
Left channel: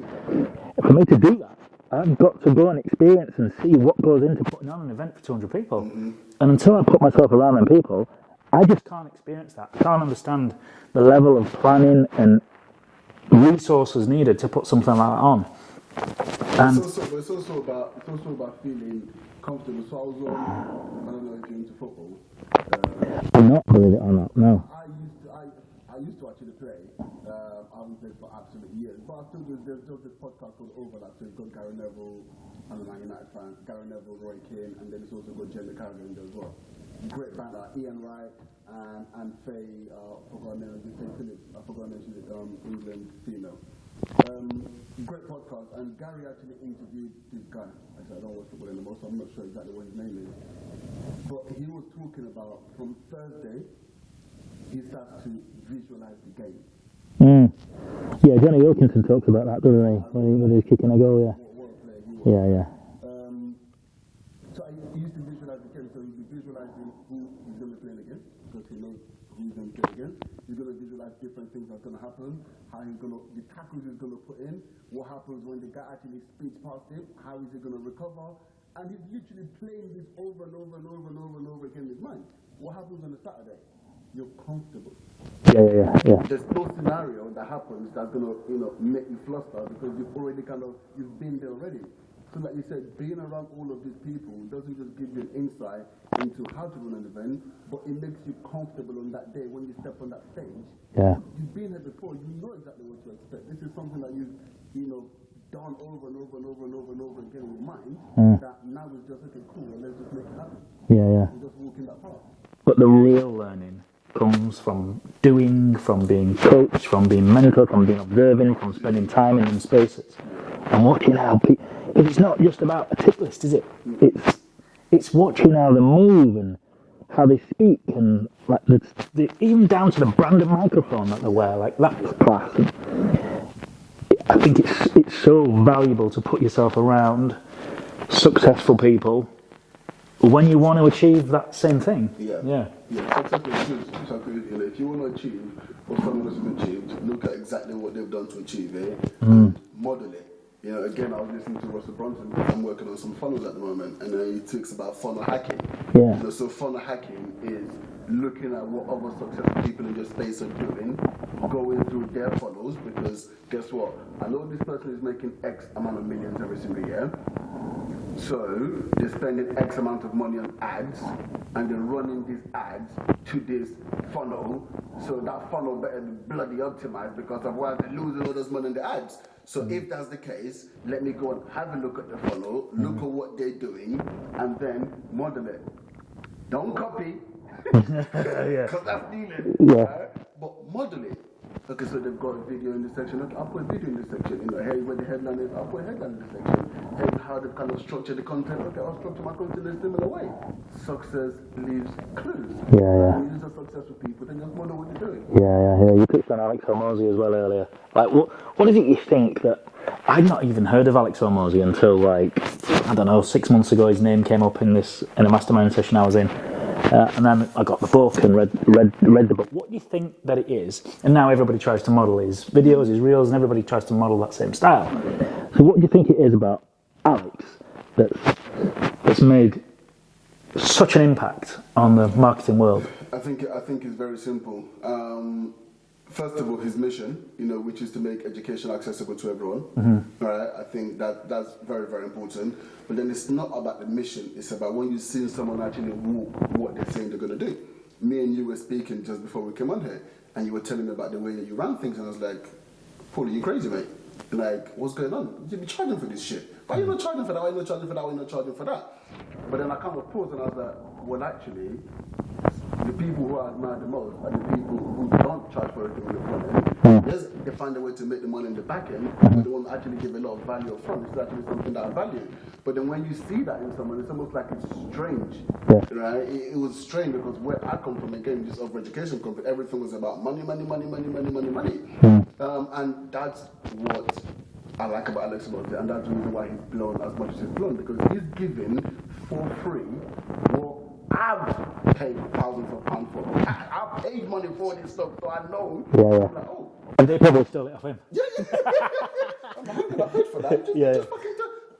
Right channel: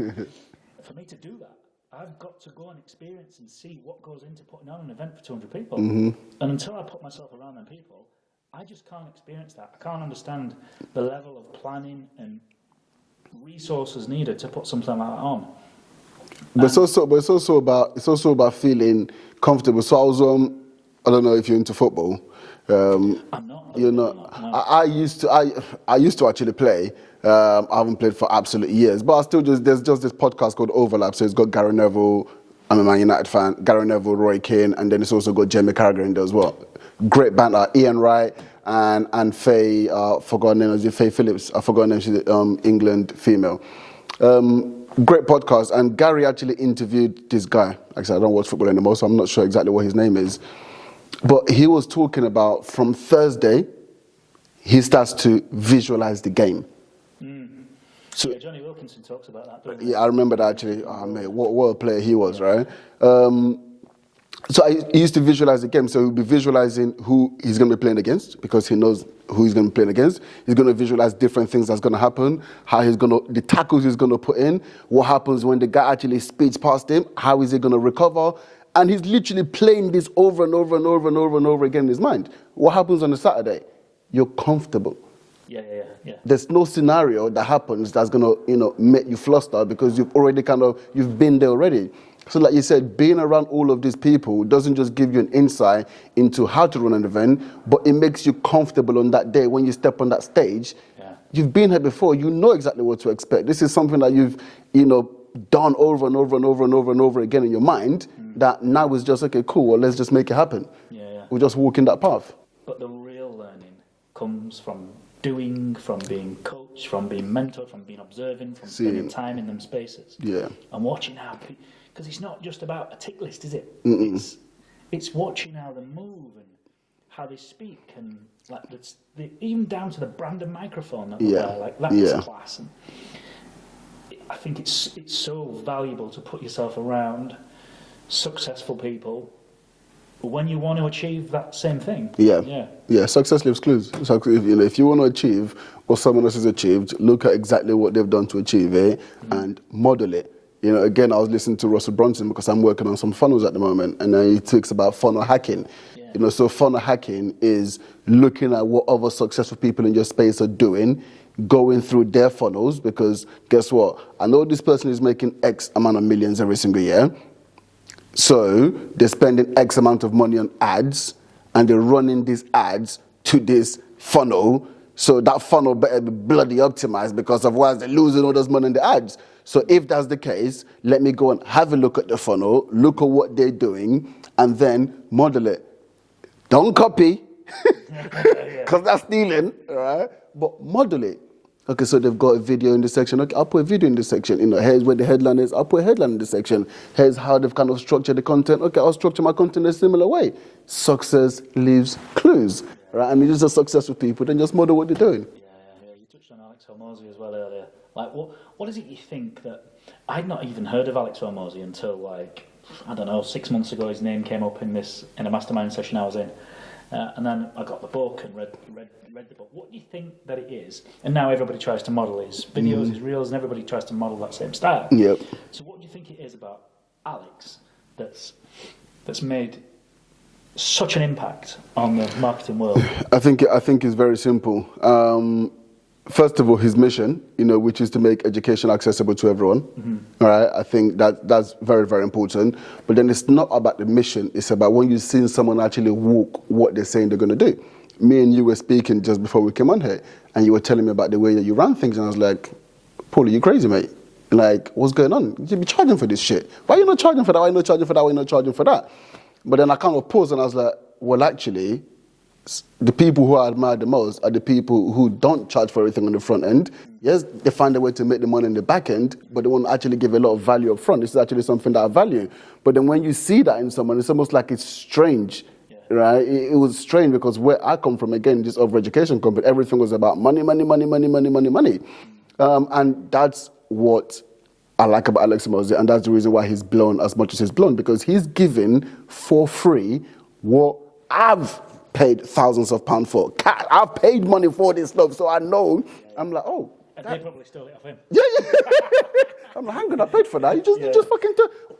for me to do that, I've got to go and experience and see what goes into putting on an event for 200 people. And until I put myself around them people, I just can't experience that. I can't understand the level of planning and resources needed to put something like that on. But it's also about feeling comfortable. So I was I don't know if you're into football. I'm not. You're not. No. I used to actually play. I haven't played for absolute years, but I still there's just this podcast called Overlap. So it's got Gary Neville. I'm a Man United fan. Gary Neville, Roy Keane, and then it's also got Jamie Carragher in there as well. Great banter. Ian Wright and Faye. Forgotten name. Is it Faye Phillips? I forgot her name. She's England female. Great podcast. And Gary actually interviewed this guy. Like I said, I don't watch football anymore, so I'm not sure exactly what his name is. But he was talking about from Thursday, he starts to visualize the game. Yeah, Johnny Wilkinson talks about that, doesn't he? Yeah, I remember that actually. What a player he was, right? So he used to visualize the game. So he'll be visualizing who he's going to be playing against because he knows who he's going to be playing against. He's going to visualize different things that's going to happen, the tackles he's going to put in, what happens when the guy actually speeds past him, how is he going to recover. And he's literally playing this over and over and over and over and over again in his mind. What happens on a Saturday? You're comfortable. Yeah. There's no scenario that happens that's gonna, make you flustered because you've already you've been there already. So like you said, being around all of these people doesn't just give you an insight into how to run an event, but it makes you comfortable on that day when you step on that stage. Yeah. You've been here before, you know exactly what to expect. This is something that you've, done over and over and over and over and over again in your mind, that now is just, okay, cool, well, let's just make it happen. Yeah. We're just walking that path. But the real learning comes from doing, from being coached, from being mentored, from being observing, from spending time in them spaces. Yeah. And watching how people, because it's not just about a tick list, is it? It's watching how they move and how they speak and like even down to the brand of microphone that they wear, like that's class. And I think it's so valuable to put yourself around successful people when you want to achieve that same thing. Yeah. Success leaves clues. So, if you want to achieve what someone else has achieved, look at exactly what they've done to achieve it and model it. Again, I was listening to Russell Brunson because I'm working on some funnels at the moment, and he talks about funnel hacking. Yeah. So funnel hacking is looking at what other successful people in your space are doing, going through their funnels, because guess what? I know this person is making X amount of millions every single year. So they're spending X amount of money on ads, and they're running these ads to this funnel. So that funnel better be bloody optimized, because otherwise they're losing all this money in the ads. So if that's the case, let me go and have a look at the funnel, look at what they're doing, and then model it. Don't copy, because that's stealing, right? But model it. Okay, so they've got a video in this section. Okay, I'll put a video in this section. Here's where the headline is. I'll put a headline in this section. Here's how they've kind of structured the content. Okay, I'll structure my content in a similar way. Success leaves clues. Right? And you're just a successful people, then just model what they're doing. Yeah. You touched on Alex Hormozy as well earlier. Like, what is it you think that... I'd not even heard of Alex Hormozy until, 6 months ago. His name came up in a mastermind session I was in. And then I got the book and read the book. What do you think that it is? And now everybody tries to model his videos, his reels, and everybody tries to model that same style. Yeah. So what do you think it is about Alex that's made such an impact on the marketing world? I think it's very simple. First of all, his mission, which is to make education accessible to everyone. All right, I think that's very, very important. But then it's not about the mission. It's about when you've seen someone actually walk what they're saying they're going to do. Me and you were speaking just before we came on here, and you were telling me about the way that you run things, and I was like, Paul, are you crazy, mate? Like, what's going on? You should be charging for this shit. Why are you not charging for that? Why are you not charging for that? Why are you not charging for that? But then I kind of paused, and I was like, well, actually, the people who I admire the most are the people who don't charge for everything on the front end. Yes, they find a way to make the money in the back end, but they won't actually give a lot of value up front. This is actually something that I value. But then when you see that in someone, it's almost like it's strange, right? It was strange because where I come from, again, this over-education company, everything was about money. And that's what I like about Alex Mosey, and that's the reason why he's blown as much as he's blown, because he's given for free what I've paid thousands of pounds for. I've paid money for this stuff, so I know. I'm like, oh. And they probably stole it off him. Yeah. I'm like, hang on, I paid for that. You just fucking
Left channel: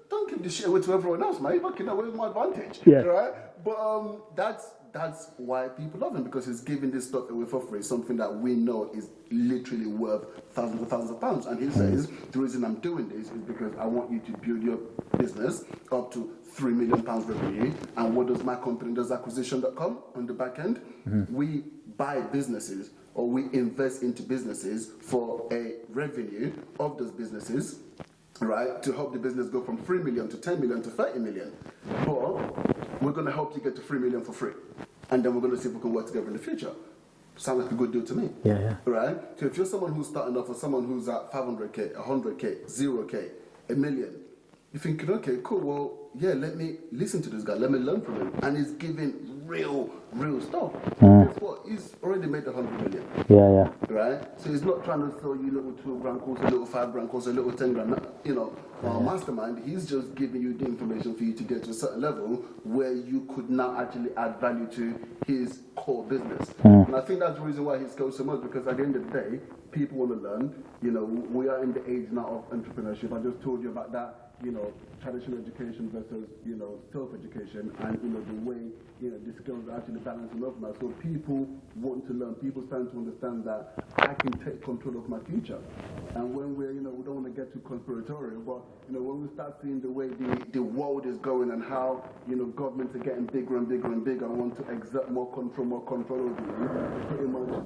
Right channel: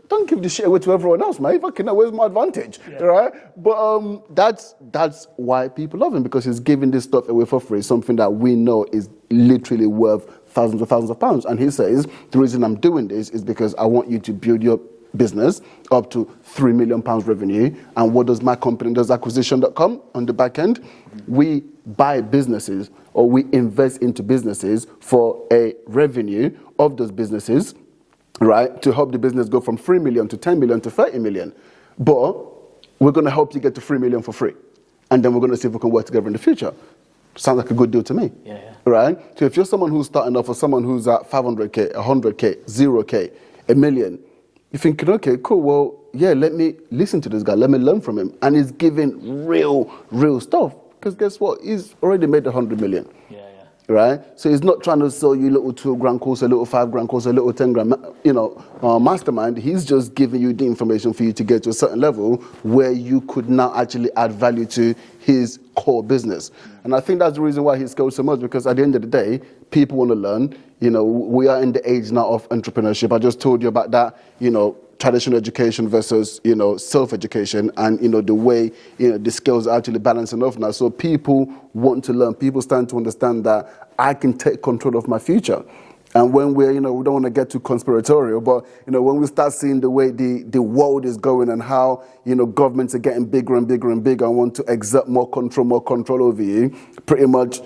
don't give the shit away to everyone else, mate. Fucking where's my advantage? Right? But that's why people love him, because he's giving this stuff away for free, something that we know is literally worth thousands of pounds. And he says, the reason I'm doing this is because I want you to build your business up to £3 million revenue. And what does my company does, acquisition.com, on the back end? We buy businesses, or we invest into businesses for a revenue of those businesses, right, to help the business go from 3 million to 10 million to 30 million. But we're going to help you get to 3 million for free. And then we're going to see if we can work together in the future. Sounds like a good deal to me. Right? So if you're someone who's starting off, or someone who's at 500K, 100K, 0K, a million, you're thinking, okay, cool, well, yeah, let me listen to this guy, let me learn from him. And he's giving real stuff. Because guess what? He's already made 100 million. Right? So he's not trying to sell you a little 2 grand course, a little 5 grand course, a little 10 grand, mastermind. He's just giving you the information for you to get to a certain level where you could now actually add value to his core business. And I think that's the reason why he scaled so much, because at the end of the day, people want to learn. We are in the age now of entrepreneurship. I just told you about that, traditional education versus, self-education, and, the way, the skills are actually balancing off now. So people want to learn. People starting to understand that I can take control of my future. And when we're, we don't want to get too conspiratorial, but, when we start seeing the way the world is going, and how, governments are getting bigger and bigger and bigger and want to exert more control over you, pretty much,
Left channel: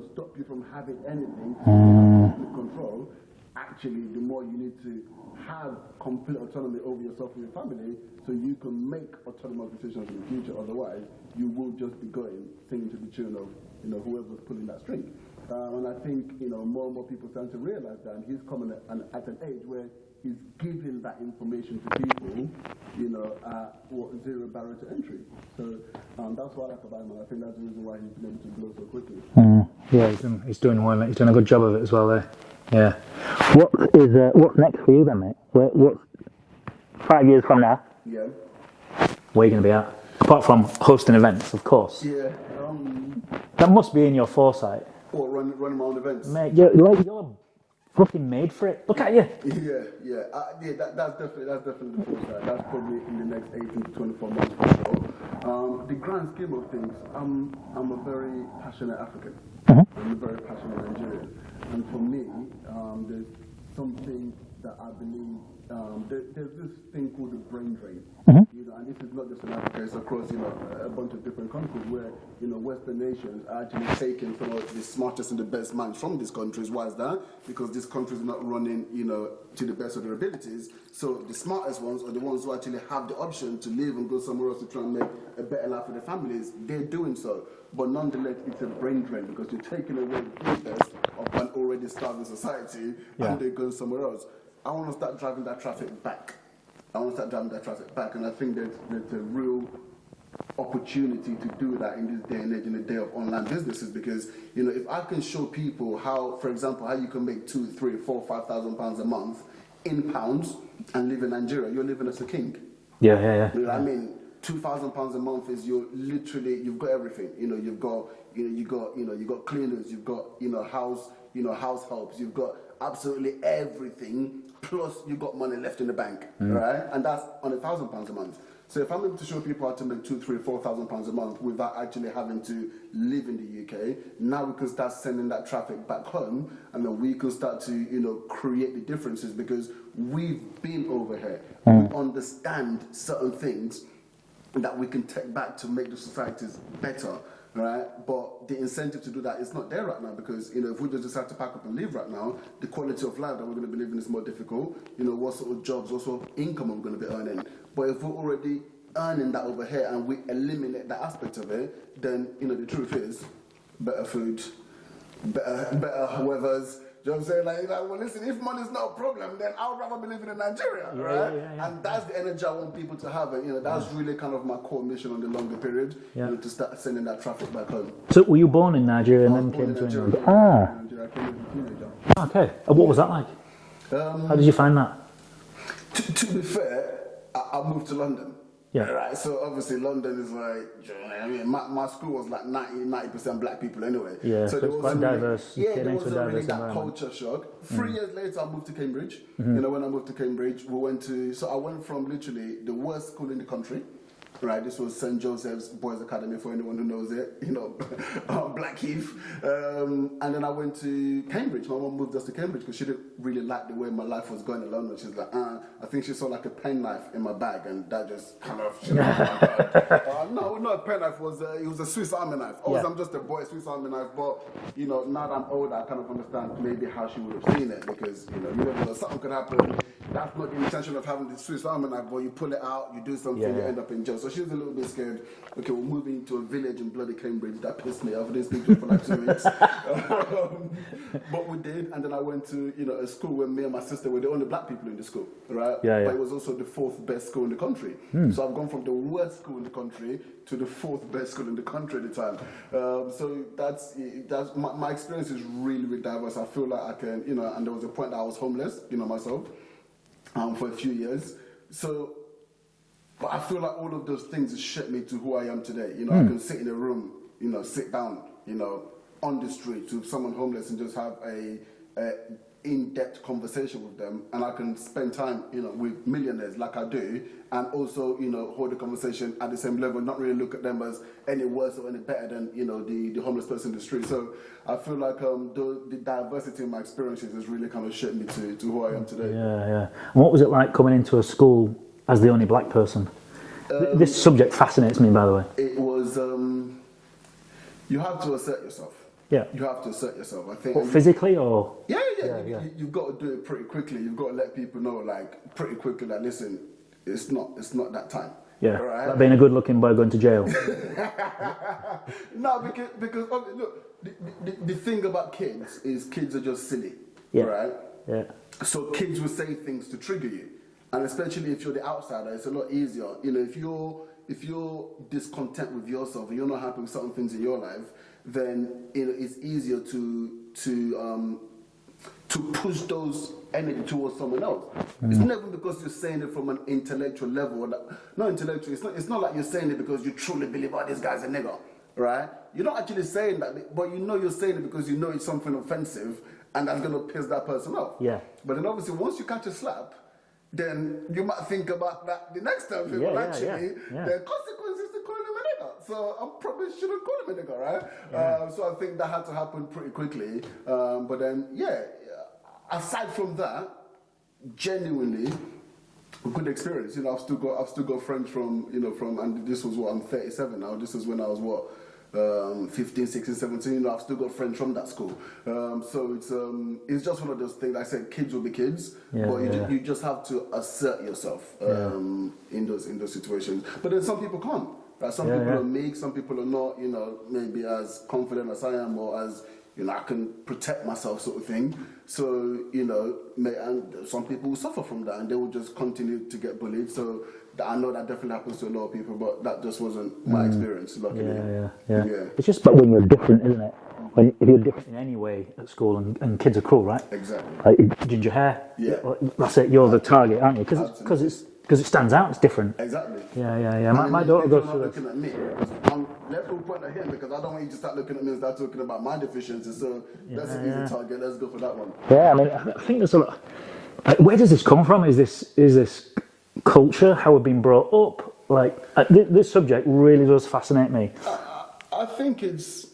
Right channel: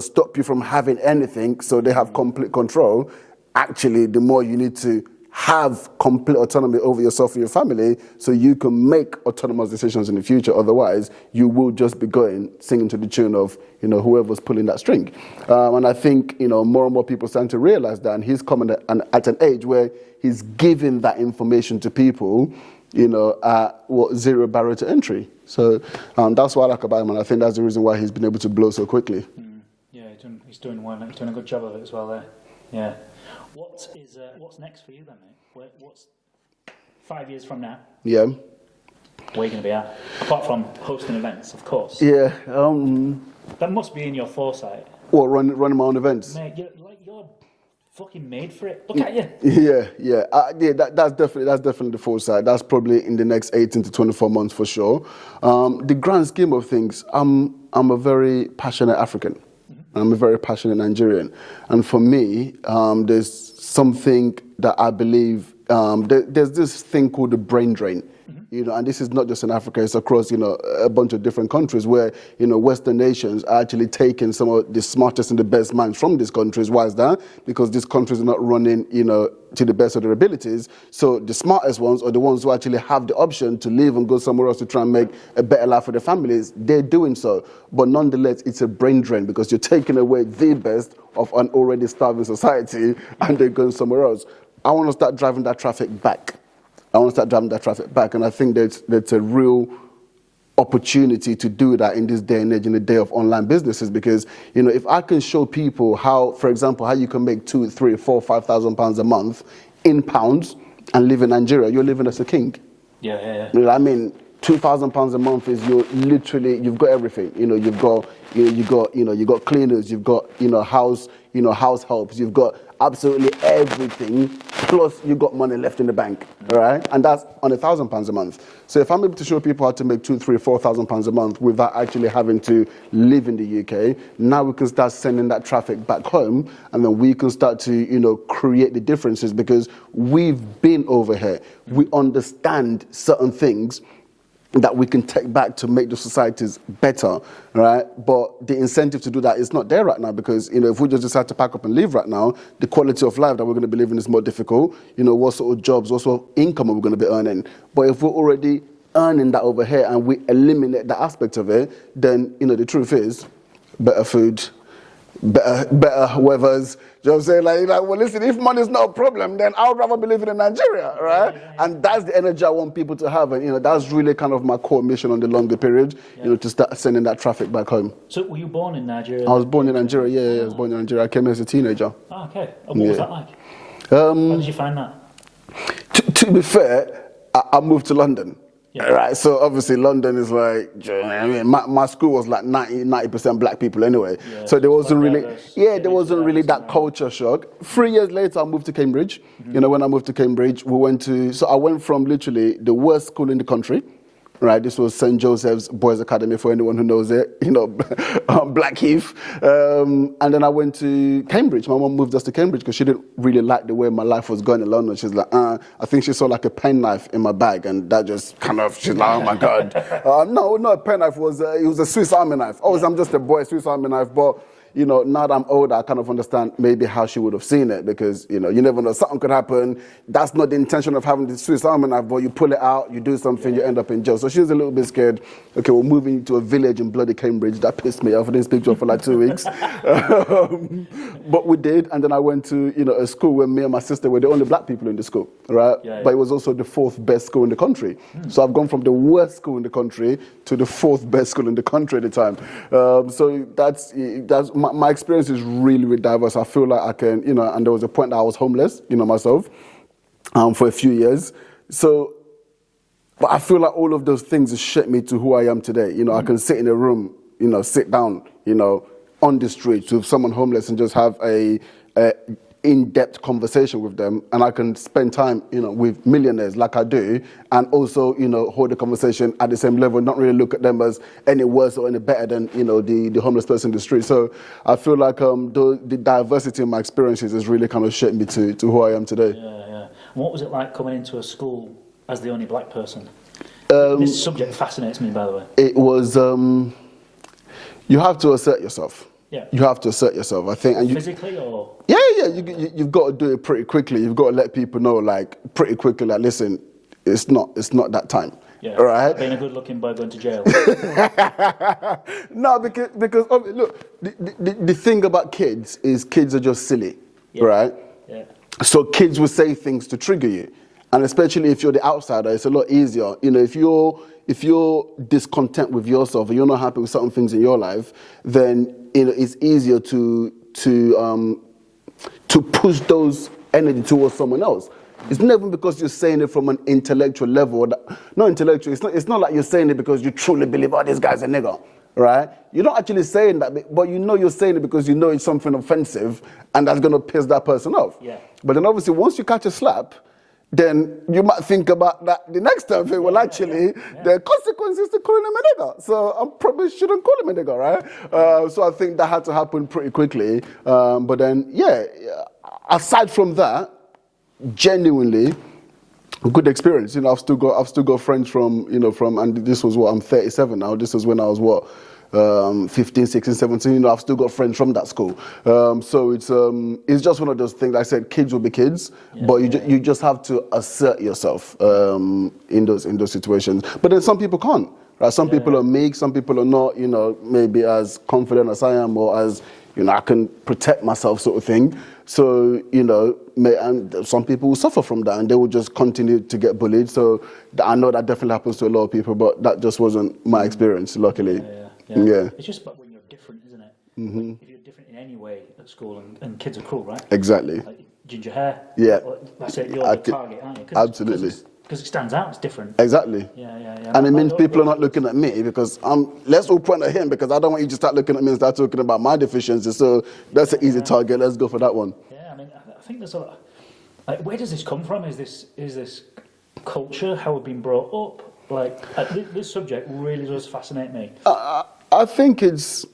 stop you from having anything, so they have complete control. Actually, the more you need to have complete autonomy over yourself and your family, so you can make autonomous decisions in the future. Otherwise, you will just be singing to the tune of, whoever's pulling that string. And I think, more and more people starting to realize that, and he's coming at an age where he's giving that information to people, at zero barrier to entry. So that's what I like about him, and I think that's the reason why he's been able to blow so quickly. Yeah, he's doing well, mate. He's doing a good job of it as well there. Yeah. What's next for you then, mate? What's 5 years from now? Yeah. Where are you going to be at? Apart from hosting events, of course. Yeah. That must be in your foresight. What, running my own events? Mate, you're fucking made for it. Look at you. Yeah. That's definitely the foresight. That's probably in the next 18 to 24 months for sure. The grand scheme of things, I'm a very passionate African. I'm a very passionate Nigerian. And for me, there's something that I believe, there's this thing called the brain drain. And this is not just in Africa, it's across, a bunch of different countries where, Western nations are actually taking some of the smartest and the best minds from these countries. Why is that? Because these countries are not running, to the best of their abilities. So the smartest ones, or the ones who actually have the option to leave and go somewhere else to try and make a better life for their families, they're doing so. But nonetheless, it's a brain drain, because you're taking away the best of an already starving society, and they're going somewhere else. I want to start driving that traffic back. And I think that's a real opportunity to do that in this day and age, in the day of online businesses, because, if I can show people how, for example, how you can make 2, 3, 4, 5,000 pounds a month in pounds and live in Nigeria, you're living as a king. Yeah. I mean, 2,000 pounds a month is you've got everything. You've got cleaners, you've got, house helps, you've got absolutely everything, plus you've got money left in the bank, right? And that's on £1,000 a month. So if I'm able to show people how to make 2, 3, 4,000 pounds a month without actually having to live in the UK, now we can start sending that traffic back home, and then we can start to, create the differences, because we've been over here. We understand certain things that we can take back to make the societies better, right? But the incentive to do that is not there right now, because, if we just decide to pack up and leave right now, the quality of life that we're going to be living is more difficult. What sort of jobs, what sort of income are we going to be earning? But if we're already earning that over here and we eliminate that aspect of it, then, the truth is, better food, better weathers. You know what I'm saying? Like, well, listen, if money's not a problem, then I would rather be living in Nigeria, right? Yeah. And that's the energy I want people to have. And, that's really kind of my core mission on the longer period, to start sending that traffic back home. So were you born in Nigeria? I was born in Nigeria, I was born in Nigeria. I came here as a teenager. Ah, okay. And what was that like? How did you find that? To be fair, I moved to London. Yeah. Right, so obviously London is like, I mean, my school was like 90% black people anyway. Yeah, so there wasn't really, that culture shock. 3 years later, I moved to Cambridge. Mm-hmm. When I moved to Cambridge, I went from literally the worst school in the country. Right, this was St. Joseph's Boys Academy for anyone who knows it, Blackheath. And then I went to Cambridge. My mum moved us to Cambridge because she didn't really like the way my life was going in London. She's like, I think she saw like a penknife in my bag, and that just kind of, she's like, oh my God. No, not a penknife, it was a Swiss Army knife. I'm just a boy, Swiss Army knife, but now that I'm older, I kind of understand maybe how she would have seen it because, you never know, something could happen. That's not the intention of having the Swiss Army knife, but you pull it out, you do something, you end up in jail. So she was a little bit scared. Okay, we're moving to a village in bloody Cambridge. That pissed me off. I didn't speak to her for like 2 weeks. But we did, and then I went to, a school where me and my sister were the only black people in the school, right? But it was also the 4th best school in the country. So I've gone from the worst school in the country to the 4th best school in the country at the time. So that's my experience is really, really diverse. I feel like I can, and there was a point that I was homeless, myself, for a few years. So, but I feel like all of those things have shaped me to who I am today. I can sit in a room, sit down, on the street with someone homeless and just have a in-depth conversation with them, and I can spend time, with millionaires like I do, and also, hold the conversation at the same level, not really look at them as any worse or any better than, the homeless person in the street. So I feel like the diversity in my experiences has really kind of shaped me to who I am today. Yeah. And what was it like coming into a school as the only black person? This subject fascinates me, by the way. It was, you have to assert yourself. Yeah. You have to assert yourself, I think. And physically or? Yeah. You've got to do it pretty quickly. You've got to let people know, like, pretty quickly, like, listen, it's not that time. Yeah. Right? Like being a good-looking boy going to jail. No, because look, the thing about kids is kids are just silly, right? Yeah. So kids will say things to trigger you. And especially if you're the outsider, it's a lot easier. If you're discontent with yourself and you're not happy with certain things in your life, then it's easier to push those energy towards someone else. Mm-hmm. It's never because you're saying it from an intellectual level. Not intellectual. It's not like you're saying it because you truly believe, this guy's a nigger, right? You're not actually saying that, but you're saying it because you know it's something offensive and that's going to piss that person off. Yeah. But then obviously once you catch a slap, then you might think about that the next time. The consequence is to call him a nigger. So I probably shouldn't call him a nigger, right? So I think that had to happen pretty quickly. But then, aside from that, genuinely, a good experience. I've still got friends from, and this was I'm 37 now. This was when I was 15, 16, 17, I've still got friends from that school. So it's just one of those things. Like I said, kids will be kids, but you just have to assert yourself in those situations. But then some people can't. Right? Some people are meek, some people are not, maybe as confident as I am, or as, I can protect myself sort of thing. So, and some people will suffer from that and they will just continue to get bullied. So I know that definitely happens to a lot of people, but that just wasn't my experience, luckily. Yeah. It's just about when you're different, isn't it? Mm-hmm. If you're different in any way at school, and kids are cool, right? Exactly. Like ginger hair. Yeah. That's it, you're the target, aren't you? Absolutely. Because it stands out, it's different. Exactly. Yeah. And it means people are not looking at me because let's all point at him because I don't want you to start looking at me and start talking about my deficiencies. So that's an easy target. Let's go for that one. Yeah, I mean, I think there's a lot. Like, where does this come from? Is this culture, how we've been brought up? This subject really does fascinate me. I think it's,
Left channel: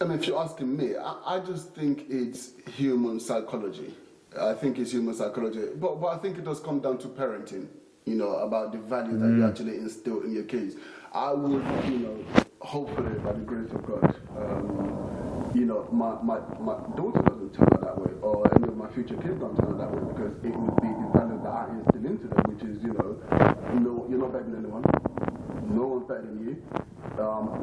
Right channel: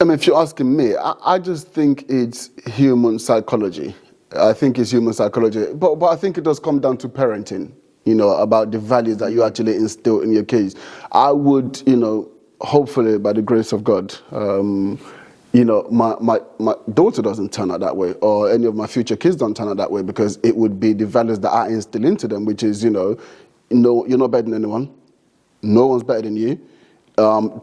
if you're asking me, I just think it's human psychology. I think it's human psychology. But I think it does come down to parenting. About the values that you actually instill in your kids. I would, hopefully by the grace of God, my daughter doesn't turn out that way, or any of my future kids don't turn out that way, because it would be the values that I instill into them, which is, no, you're not better than anyone. no one's better than you.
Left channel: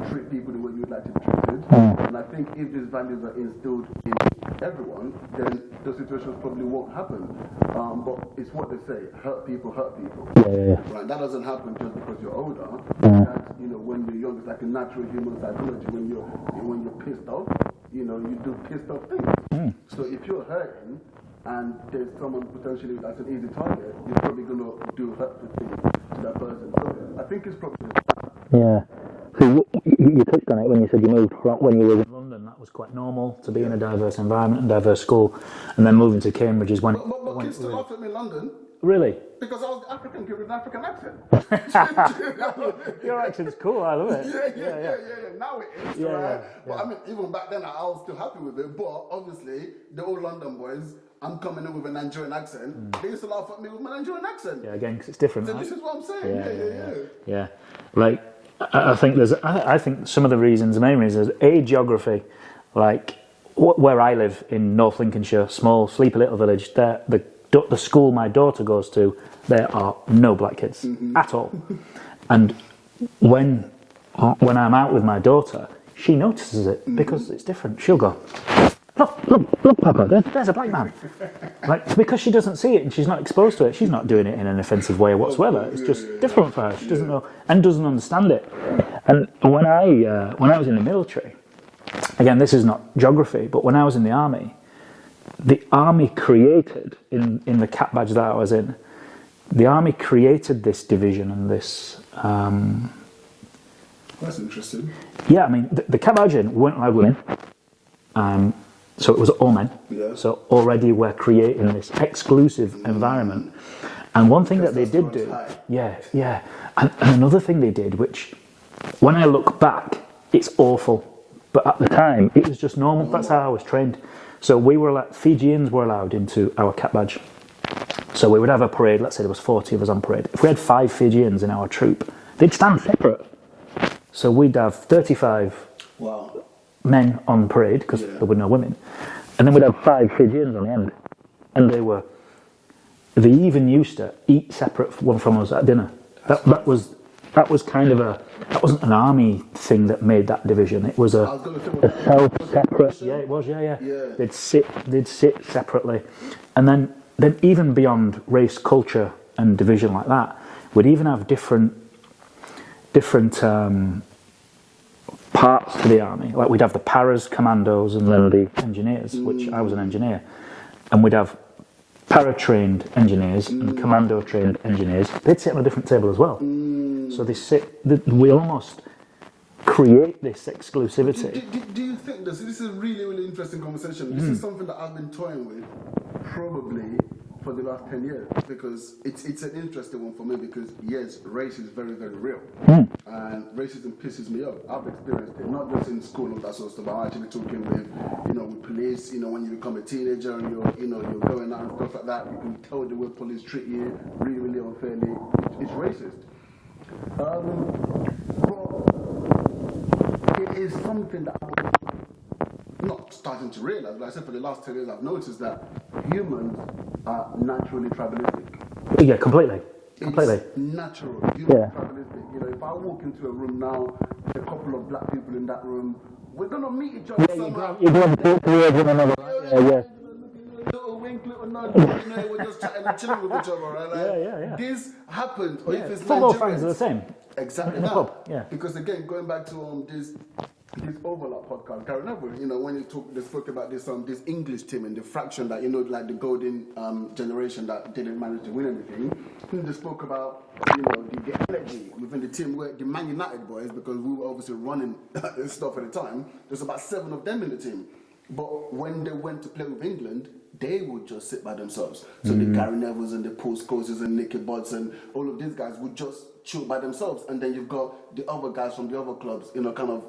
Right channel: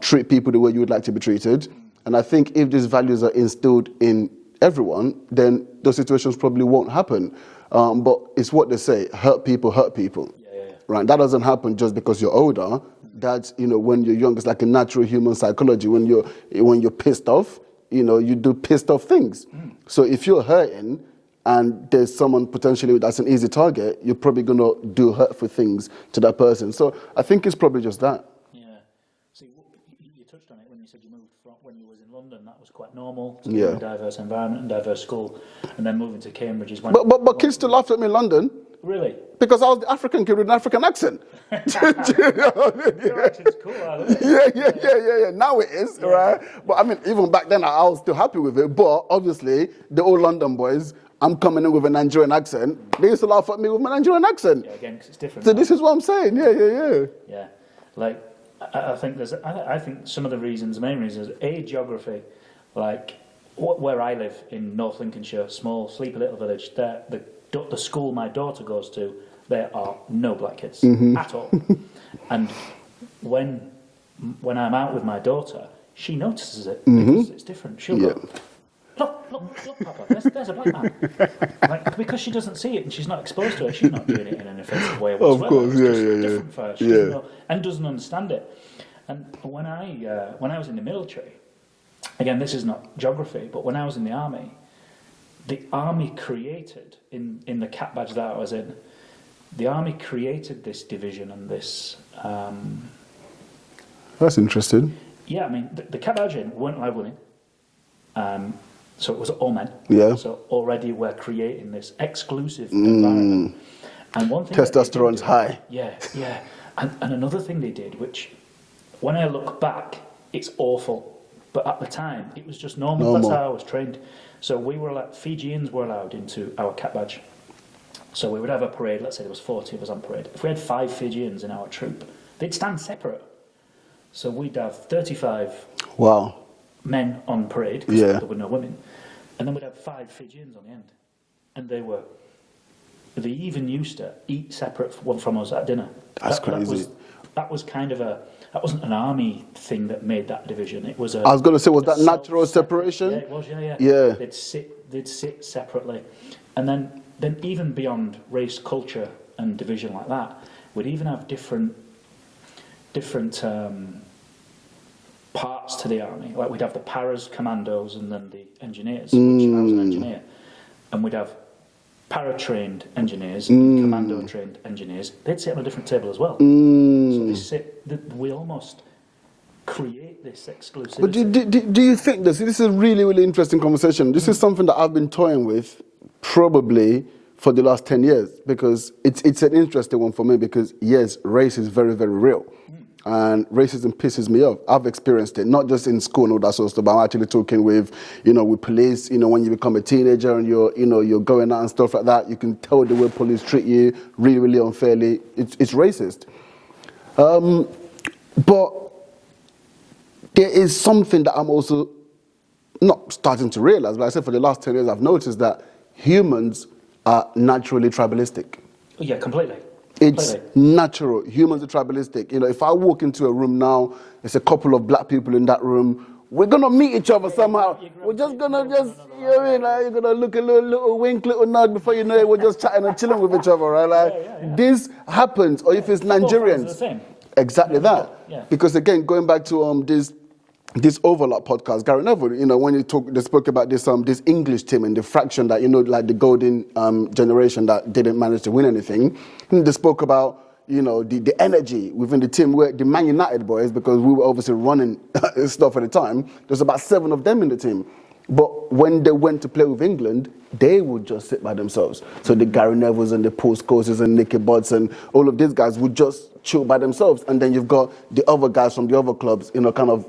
Treat people the way you would like to be treated. And I think if these values are instilled in everyone, then those situations probably won't happen. But it's what they say, hurt people, right? That doesn't happen just because you're older. That's, when you're young, it's like a natural human psychology. When you're pissed off, you do pissed off things. So if you're hurting and there's someone potentially that's an easy target, you're probably going to do hurtful things to that person. So I think it's probably just that. Yeah. So you touched on it when you said you moved from, when you were in London, that was quite normal to be in a diverse environment and diverse school, and then moving to Cambridge is when... But kids still laughed at me in London. Really? Because I was the African kid with an African accent. Your accent's cool, I love it. Yeah. Now it is, right? But I mean, even back then, I was still happy with it. But obviously, the old London boys, I'm coming in with a Nigerian accent. They used to laugh at me with my Nigerian accent. Yeah, again, because it's different. So this is what I'm saying. Yeah. Like, I think some of the reasons, the main reasons, A, geography. Like where I live in North Lincolnshire, small, sleepy little village. The school my daughter goes to, there are no black kids at all. And when I'm out with my daughter, she notices it because it's different. She'll go, look, Papa, there's a black man. Like, because she doesn't see it and she's not exposed to it, she's not doing it in an offensive way whatsoever. It's just different for her. She doesn't know and doesn't understand it. And when I was in the military, again, this is not geography, but when I was in the army created, in the cap badge that I was in, the army created this division and this... That's interesting. Yeah, I mean, the cap badge weren't allowed women. So it was all men. Yeah. So already we're creating this exclusive environment. And one thing that they did testosterone's high. Yeah. And another thing they did, which when I look back, it's awful. But at the time, it was just normal. That's how I was trained. So Fijians were allowed into our cap badge. So we would have a parade. Let's say there was 40 of us on parade. If we had 5 Fijians in our troop, they'd stand separate. So we'd have 35 men on parade, because there were no women. And then we'd have 5 Fijians on the end. And they even used to eat separate one from us at dinner. That was kind of that wasn't an army thing that made that division. It was I was going to say, was that natural separation? Yeah, it was, yeah. They'd sit separately. And then even beyond race, culture, and division like that, we'd even have different parts to the army. Like we'd have the paras, commandos, and then the engineers, which I was an engineer. And we'd have para-trained engineers and commando-trained engineers. They'd sit on a different table as well. So we almost create this exclusivity. Do you think this is a really, really interesting conversation. This is something that I've been toying with probably for the last 10 years, because it's an interesting one for me, because yes, race is very, very real. And racism pisses me off. I've experienced it, not just in school and all that sort of stuff, but I'm actually talking with police, when you become a teenager and you're going out and stuff like that, you can tell the way police treat you really, really unfairly. It's racist. But there is something that I'm also not starting to realize, but I said for the last 10 years I've noticed that humans are naturally tribalistic. Yeah, completely. It's natural. Humans are tribalistic. If I walk into a room now, there's a couple of black people in that room, we're going to meet each other somehow. You're going to look a little wink, little nod, before you know it, we're just chatting and chilling with each other, right? This happens, or if it's Nigerians. The same. Exactly that. Yeah. Because again, going back to this overlap podcast, Gary Neville, when they spoke about this English team and the fraction that, like the golden generation that didn't manage to win anything. They spoke about, the energy within the team, where the Man United boys, because we were obviously running stuff at the time, there's about 7 of them in the team. But when they went to play with England, they would just sit by themselves. So the Gary Nevilles and the Paul Scholes's and Nicky Budds and all of these guys would just chill by themselves. And then you've got the other guys from the other clubs, kind of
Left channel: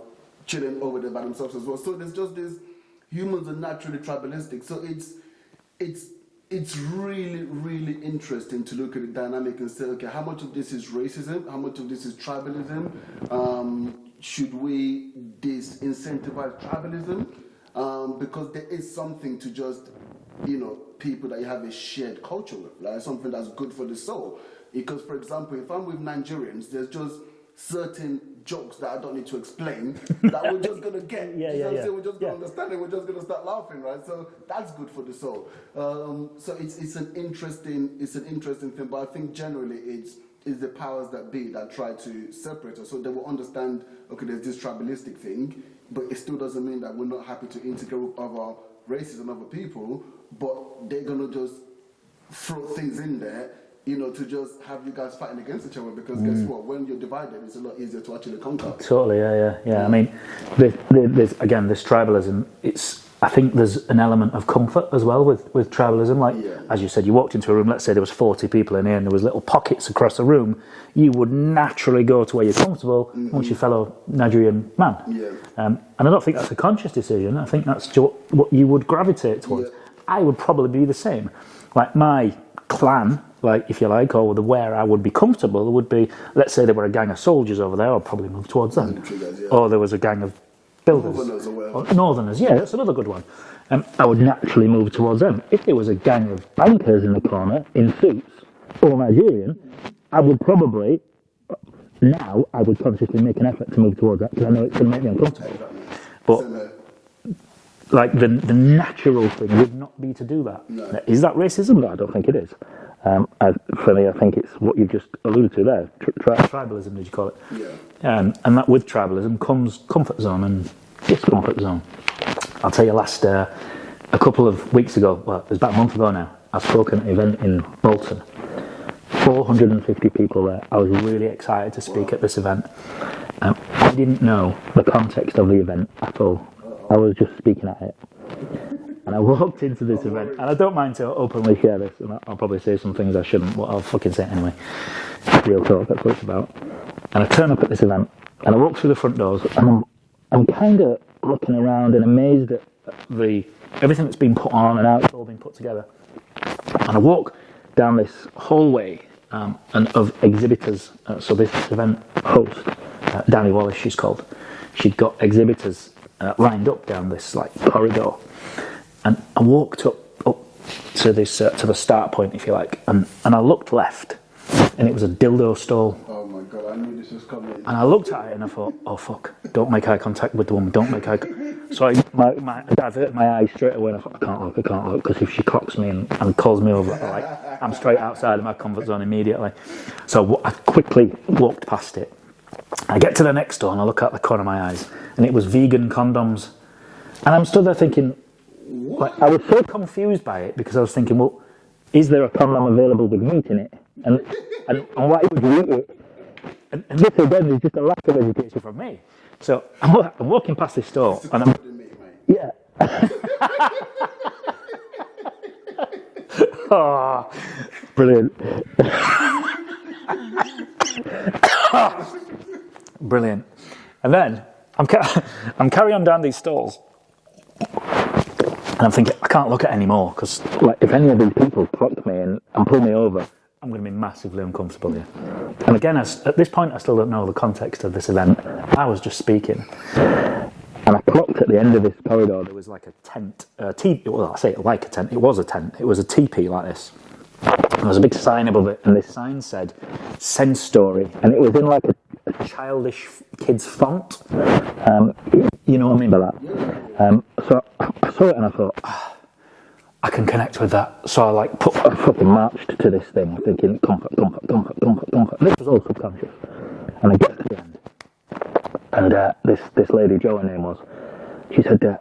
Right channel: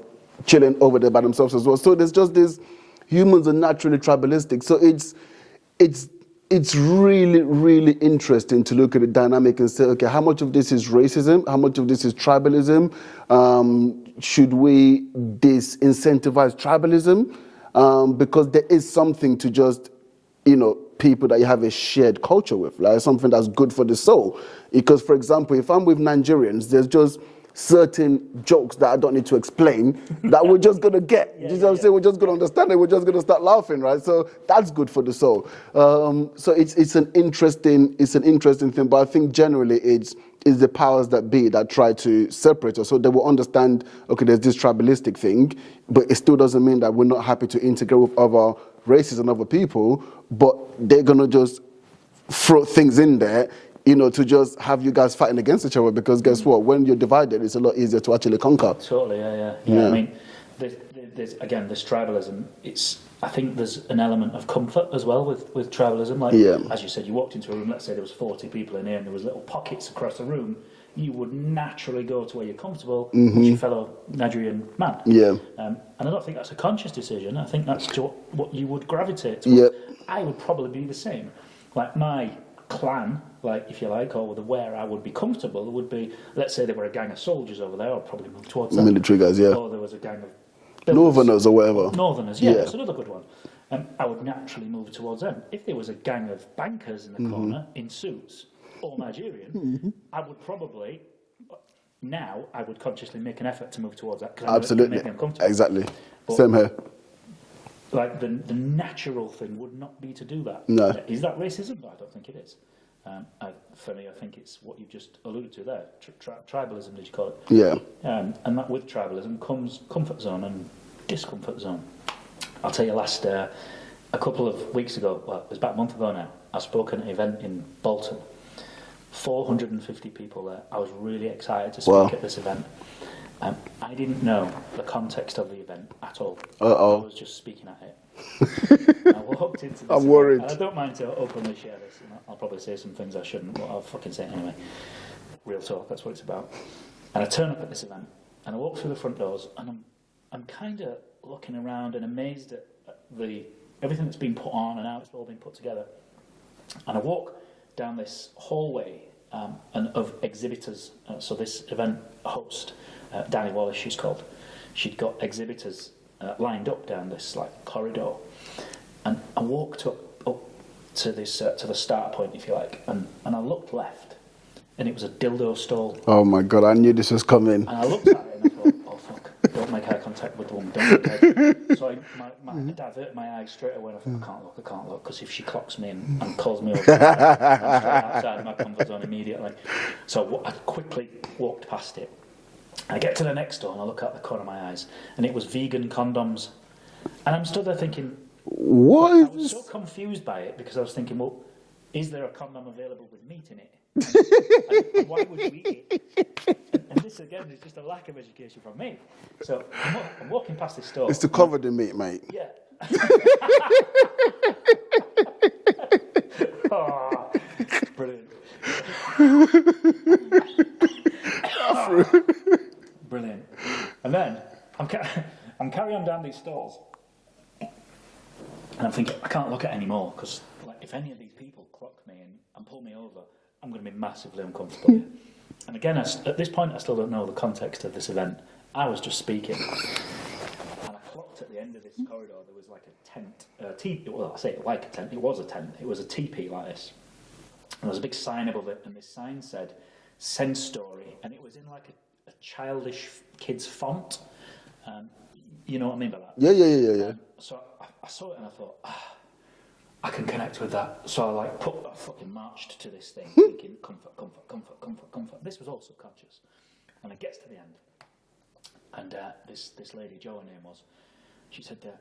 chilling over there by themselves as well. So there's just this, humans are naturally tribalistic. So it's really, really interesting to look at the dynamic and say, okay, how much of this is racism? How much of this is tribalism? Should we disincentivize tribalism? Because there is something to just, people that you have a shared culture with, like something that's good for the soul. Because, for example, if I'm with Nigerians, there's just certain jokes that I don't need to explain that we're just gonna get. You know what I'm saying? We're just gonna understand it. We're just gonna start laughing, right? So that's good for the soul. So it's an interesting thing. But I think generally it's the powers that be that try to separate us. So they will understand, okay, there's this tribalistic thing, but it still doesn't mean that we're not happy to integrate with other races and other people, but they're gonna just throw things in there, you know, to just have you guys fighting against each other, because guess what? When you're divided, it's a lot easier to actually conquer. Totally, yeah. I mean, there's again, this tribalism, I think there's an element of comfort as well with tribalism. Like, as you said, you walked into a room, let's say there was 40 people in here and there was little pockets across the room, you would naturally go to where you're comfortable with your fellow Nigerian man. And I don't think that's a conscious decision. I think that's what you would gravitate towards. I would probably be the same. Like my clan, like if you like, or where I would be comfortable would be, let's say there were a gang of soldiers over there, I'd probably move towards them. Military guys, Or there was a gang of builders. Northerners or whatever. Northerners, that's another good one. I would naturally move towards them. If there was a gang of bankers in the corner, in suits, all Nigerian, I would probably, now, I would consciously make an effort to move towards that, because I know it's going to make me uncomfortable. Exactly. But, same here. Like, the natural thing would not be to do that. No. Is that racism? No, I don't think it is. For me, I think it's what you've just alluded to there. Tribalism, did you call it? Yeah. And that with tribalism comes comfort zone and discomfort zone. I'll tell you, a couple of weeks ago, well, it was about a month ago now, I spoke at an event in Bolton. 450 people there. I was really excited to speak at this event. I didn't know the context of the event at all. I was just speaking at it. And I walked into this event, worried. and I don't mind to openly share this, and I'll probably say some things I shouldn't, but I'll fucking say it anyway. Real talk, that's what it's about. And I turn up at this event, and I walk through the front doors, and I'm kind of looking around and amazed at everything that's been put on and how it's all been put together. And I walk down this hallway and of exhibitors. So this event host, Danny Wallace, she's called. She'd got exhibitors lined up down this like corridor, and I walked up to this to the start point, if you like, and I looked left, and it was a dildo stall. Oh my God, I knew this was coming. And I looked at it and I thought, oh fuck, don't make eye contact with the woman, don't make eye contact. So I diverted my eyes straight away, and I thought, I can't look, because if she clocks me and calls me over, I'm straight outside of my comfort zone immediately. So I quickly walked past it. I get to the next door and I look out the corner of my eyes, and it was vegan condoms. And I'm stood there thinking, what? I was so confused by it, because I was thinking, well, is there a condom available with meat in it? And why would you eat it? And this again is just a lack of education from me. So I'm walking past this store. It's to cover the meat, mate. Yeah. Oh, brilliant. Brilliant. And then I'm carrying on down these stalls, and I'm thinking, I can't look at it anymore, because like, if any of these people clock me and pull me over, I'm going to be massively uncomfortable here. And again, at this point, I still don't know the context of this event. I was just speaking, and I clocked at the end of this corridor, there was like a tent, well, I say it like a tent, it was a tent, it was a teepee like this. There was a big sign above it, and this sign said, "Sense Story," and it was in like a childish kid's font. You know what I mean by that? Yeah. So I saw it and I thought, I can connect with that. So I like I fucking marched to this thing, thinking comfort. This was all subconscious. And I get to the end, and this lady, Jo, her name was, she said,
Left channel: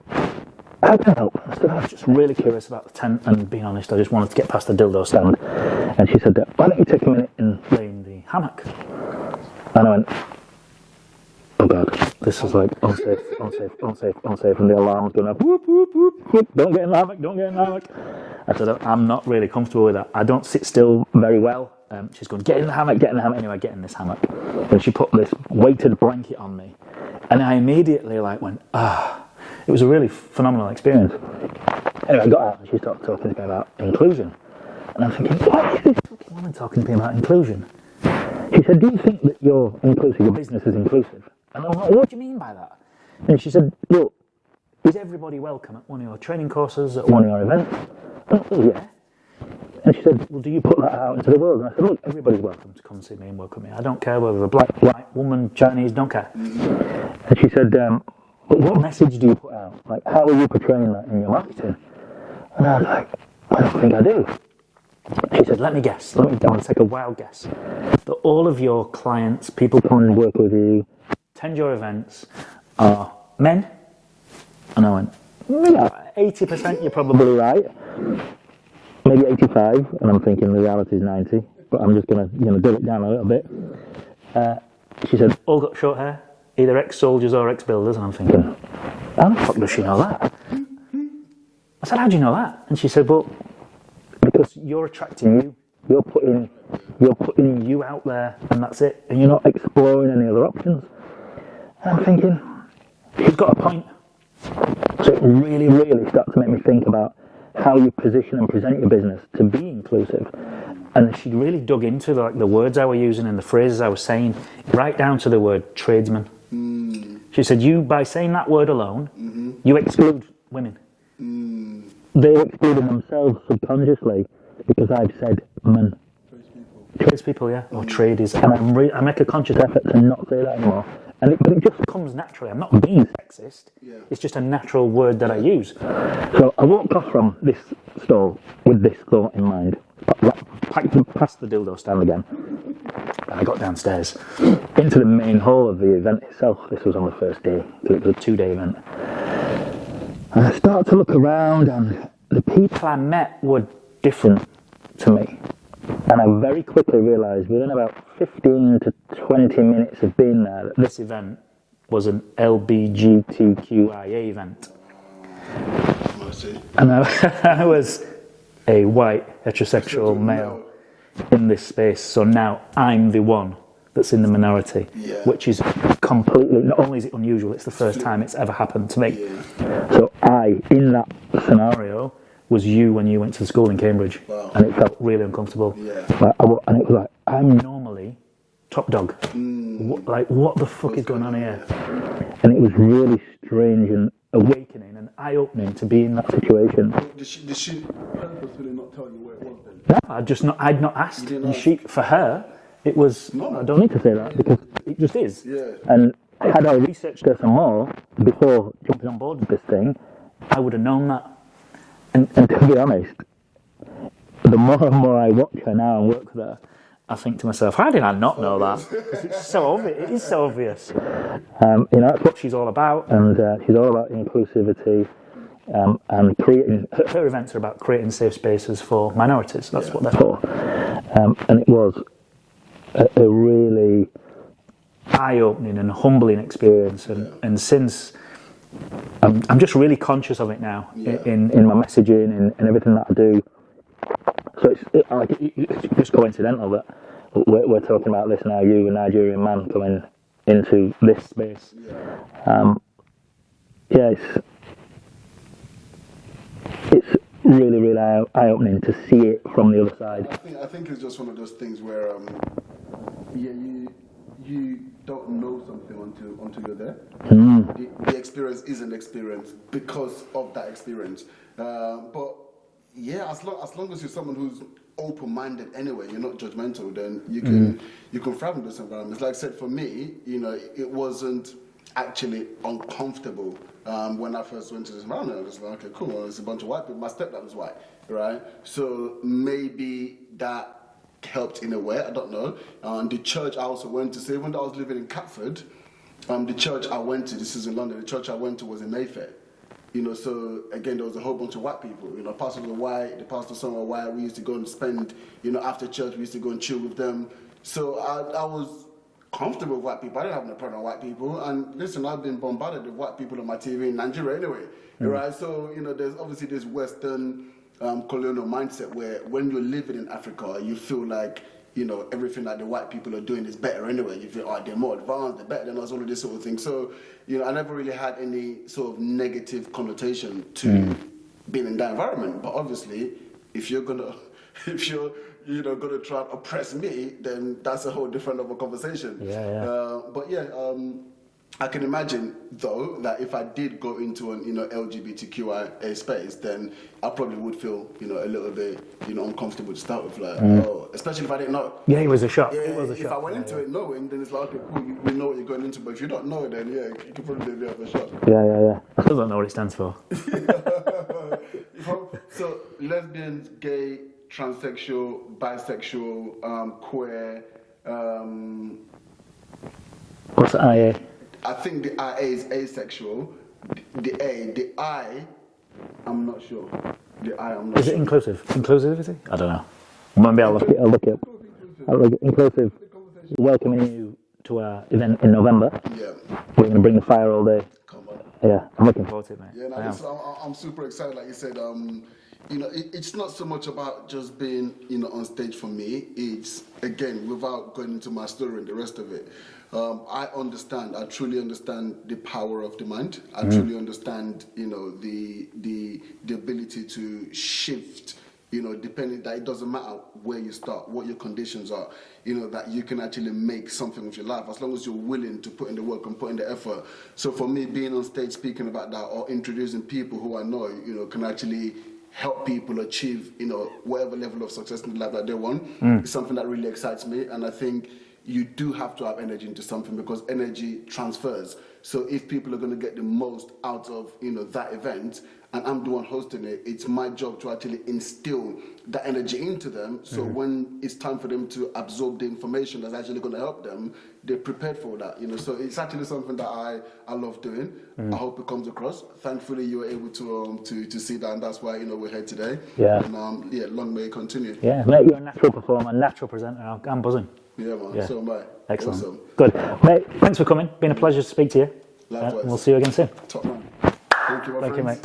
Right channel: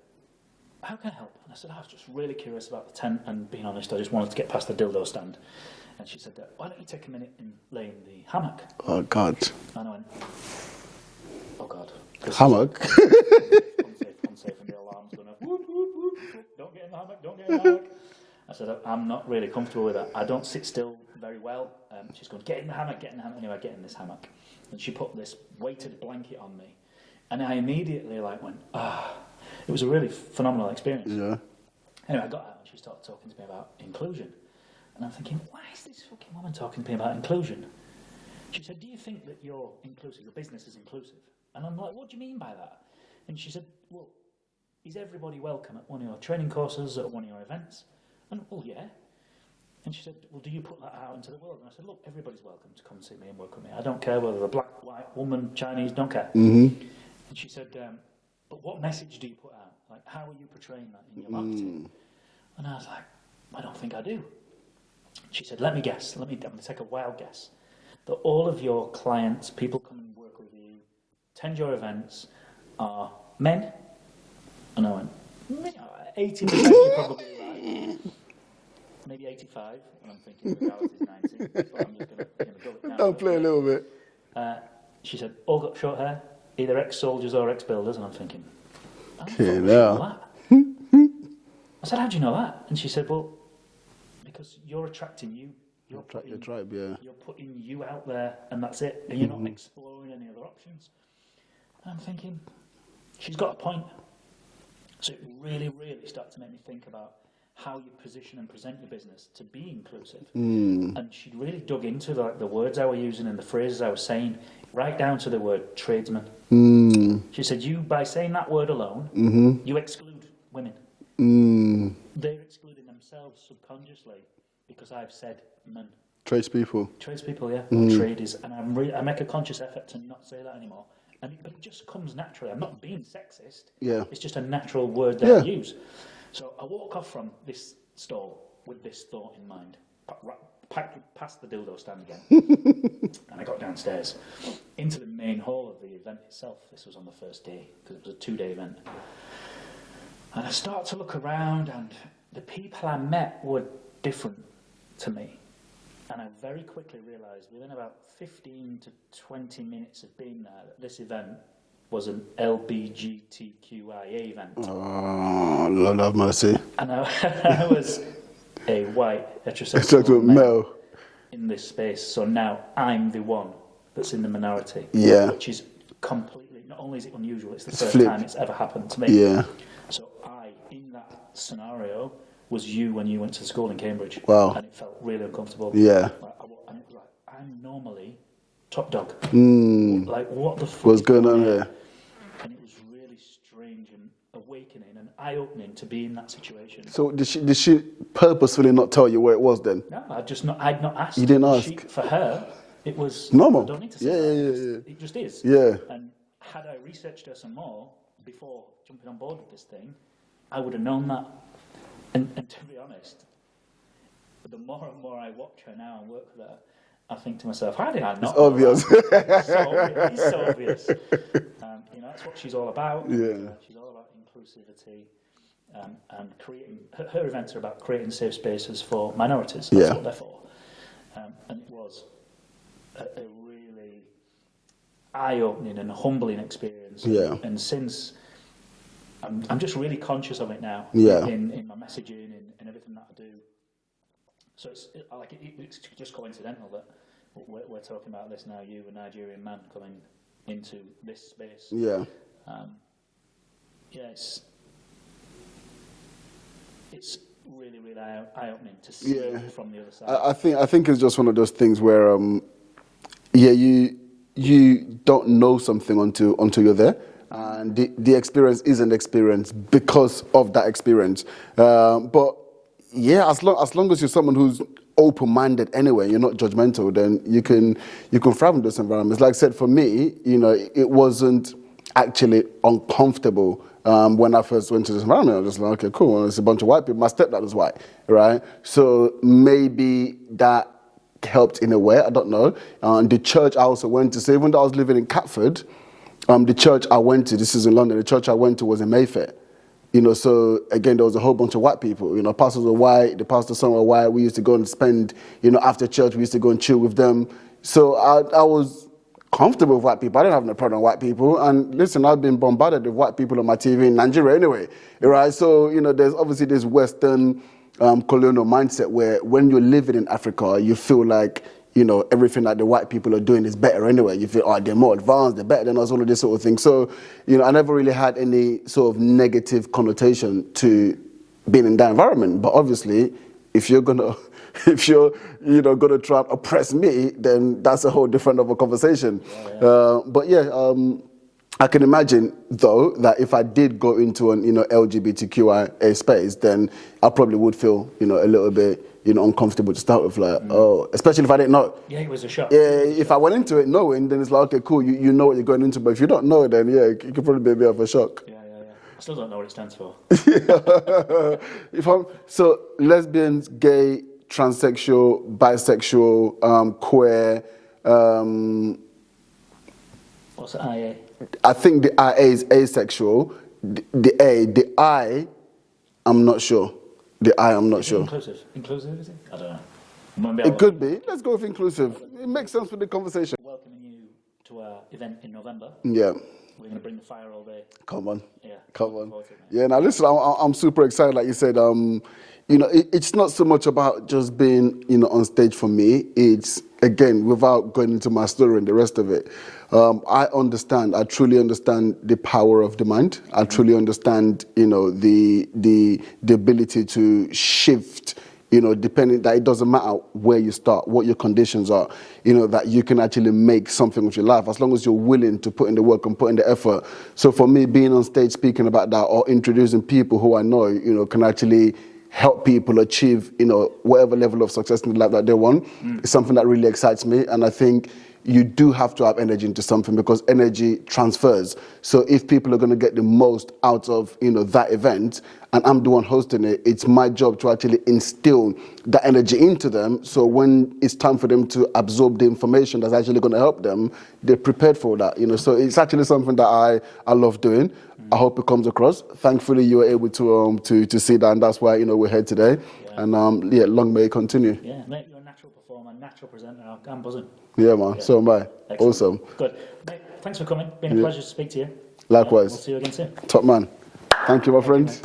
how can I help? I said, I was just really curious about the tent, and being honest, I just wanted to get past the dildo stand. And she said, why don't you take a minute and lay in the hammock? Oh God. And I went, oh God, this hammock. Is like unsafe, and the alarm's going up, whoop, whoop, whoop, whoop, don't get in the hammock. I said, I'm not really comfortable with that. I don't sit still very well. She's going, get in the hammock. Anyway, I get in this hammock. And she put this weighted blanket on me. And I immediately went, It was a really phenomenal experience. Yeah. Anyway, I got out and she started talking to me about inclusion. And I'm thinking, what is this fucking woman talking to me about inclusion? She said, do you think that you're inclusive, your business is inclusive? And I'm like, what do you mean by that? And she said, look, is everybody welcome at one of your training courses, at one of your events? And I thought, yeah. And she said, well, do you put that out into the world? And I said, look, everybody's welcome to come see me and work with me. I don't care whether they're black, white, woman, Chinese, don't care. And she said, but what message do you put out? Like, how are you portraying that in your marketing? And I was like, I don't think I do. She said, let me guess. Let me take a wild guess. That all of your clients, people coming and work with you, attend your events, are men? And I went, 80% you're probably right. Maybe 85, and I'm thinking the reality is 90, but I'm just going to do it down a little bit. She said, all got short hair, either ex-soldiers or ex-builders, and I'm thinking, how the fuck does she know that? I said, how do you know that? And she said, well, because you're attracting you, you're putting you out there, and that's it, and you're not exploring any other options. And I'm thinking, she's got a point. So it really, really started to make me think about how you position and present your business to be inclusive. And she really dug into the words I was using and the phrases I was saying, right down to the word tradesman. She said, you, by saying that word alone, you exclude women. They're excluding themselves subconsciously because I've said men. Tradespeople. Tradespeople, yeah. Or tradies. And I make a conscious effort to not say that anymore. But it just comes naturally. I'm not being sexist. Yeah. It's just a natural word that I use. So I walked off from this stall with this thought in mind. Past the dildo stand again. And I got downstairs into the main hall of the event itself. This was on the first day. It was a 2-day event. And I started to look around, and the people I met were different to me. And I very quickly realised within about 15 to 20 minutes of being there that this event was an LBGTQIA event. Oh, Lord have mercy. And I was a white heterosexual male in this space. So now I'm the one that's in the minority. Yeah. Which is completely, not only is it unusual, it's the first time it's ever happened to me. Yeah. So I, in that scenario, was you when you went to school in Cambridge. Wow. And it felt really uncomfortable. Yeah. And it was like, I'm normally top dog. Like, what the fuck What's is going on here? Yeah. And it was really strange and awakening and eye-opening to be in that situation. So did she purposefully not tell you where it was then? No, I'd not asked. You didn't ask? For her, it was normal. I don't need to say that because it just is. Yeah. And had I researched her some more before jumping on board with this thing, I would have known that. And to be honest, the more and more I watch her now and work with her, I think to myself, how did I not know that? It's so obvious. It is so obvious. That's what she's all about, and she's all about inclusivity and creating. Her events are about creating safe spaces for minorities. That's what they're for. And it was a really eye-opening and humbling experience. And since I'm just really conscious of it now in my messaging and everything that I do. So it's just coincidental that we're talking about this now, you, a Nigerian man, coming into this space. It's really, really eye-opening to see it from the other side. I think it's just one of those things where, you don't know something until you're there. The experience is an experience because of that experience. But yeah, as long as you're someone who's open-minded anyway, you're not judgmental, then you can thrive in those environments. Like I said, for me, it wasn't actually uncomfortable when I first went to this environment. I was just like, okay, cool. Well, it's a bunch of white people. My stepdad is white, right? So maybe that helped in a way. I don't know. The church I also went to, so even though I was living in Catford, the church I went to, this is in London, the church I went to was in Mayfair. So again, there was a whole bunch of white people. Pastors were white, the pastor's son were white. We used to go and spend, after church, we used to go and chill with them. So I was comfortable with white people. I didn't have no problem with white people. And listen, I've been bombarded with white people on my TV in Nigeria anyway, right? So, there's obviously this Western colonial mindset where when you're living in Africa, you feel like, everything that the white people are doing is better anyway. You feel, they're more advanced, they're better than us, all of this sort of thing. So, I never really had any sort of negative connotation to being in that environment. But obviously, if you're gonna try and oppress me, then that's a whole different of a conversation. I can imagine though that if I did go into an LGBTQIA space, then I probably would feel a little bit uncomfortable to start with. Like, oh, especially if I didn't know. Yeah, it was a shock. Yeah, if I went into it knowing, then it's like, okay, cool, you know what you're going into. But if you don't know, then yeah, it could probably be a bit of a shock. Yeah. I still don't know what it stands for. So lesbians, gay, transsexual, bisexual, queer. What's the IA? I think the IA is asexual. The I, I'm not sure. Is it inclusive? Inclusivity? I don't know. Maybe I'll look Let's go with inclusive. It makes sense for the conversation. Welcoming you to our event in November. Yeah. We're going to bring the fire all day. Come on. Yeah. Come on. Yeah, now listen, I'm super excited. Like you said, it's not so much about just being, on stage for me. It's, again, without going into my story and the rest of it, I truly understand the power of the mind. I truly understand, the ability to shift, depending that it doesn't matter where you start, what your conditions are, that you can actually make something with your life as long as you're willing to put in the work and put in the effort. So for me, being on stage speaking about that or introducing people who I know, can actually help people achieve, whatever level of success in life that they want, is something that really excites me. And I think you do have to have energy into something because energy transfers. So if people are going to get the most out of, that event, and I'm the one hosting it, it's my job to actually instill that energy into them. So when it's time for them to absorb the information that's actually going to help them, they're prepared for that. So it's actually something that I love doing. I hope it comes across. Thankfully, you were able to see that, and that's why we're here today. Yeah. And long may it continue. Yeah, mate, you're a natural performer, natural presenter. I'm buzzing. Yeah, man. Yeah. So am I. Excellent. Awesome. Good. Mate, thanks for coming. Been a pleasure to speak to you. Likewise. We'll see you again soon. Top man. Thank you, my friends.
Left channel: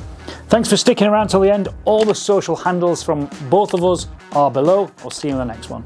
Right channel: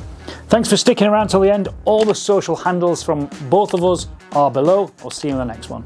Thanks for sticking around till the end. All the social handles from both of us are below. I'll see you in the next one.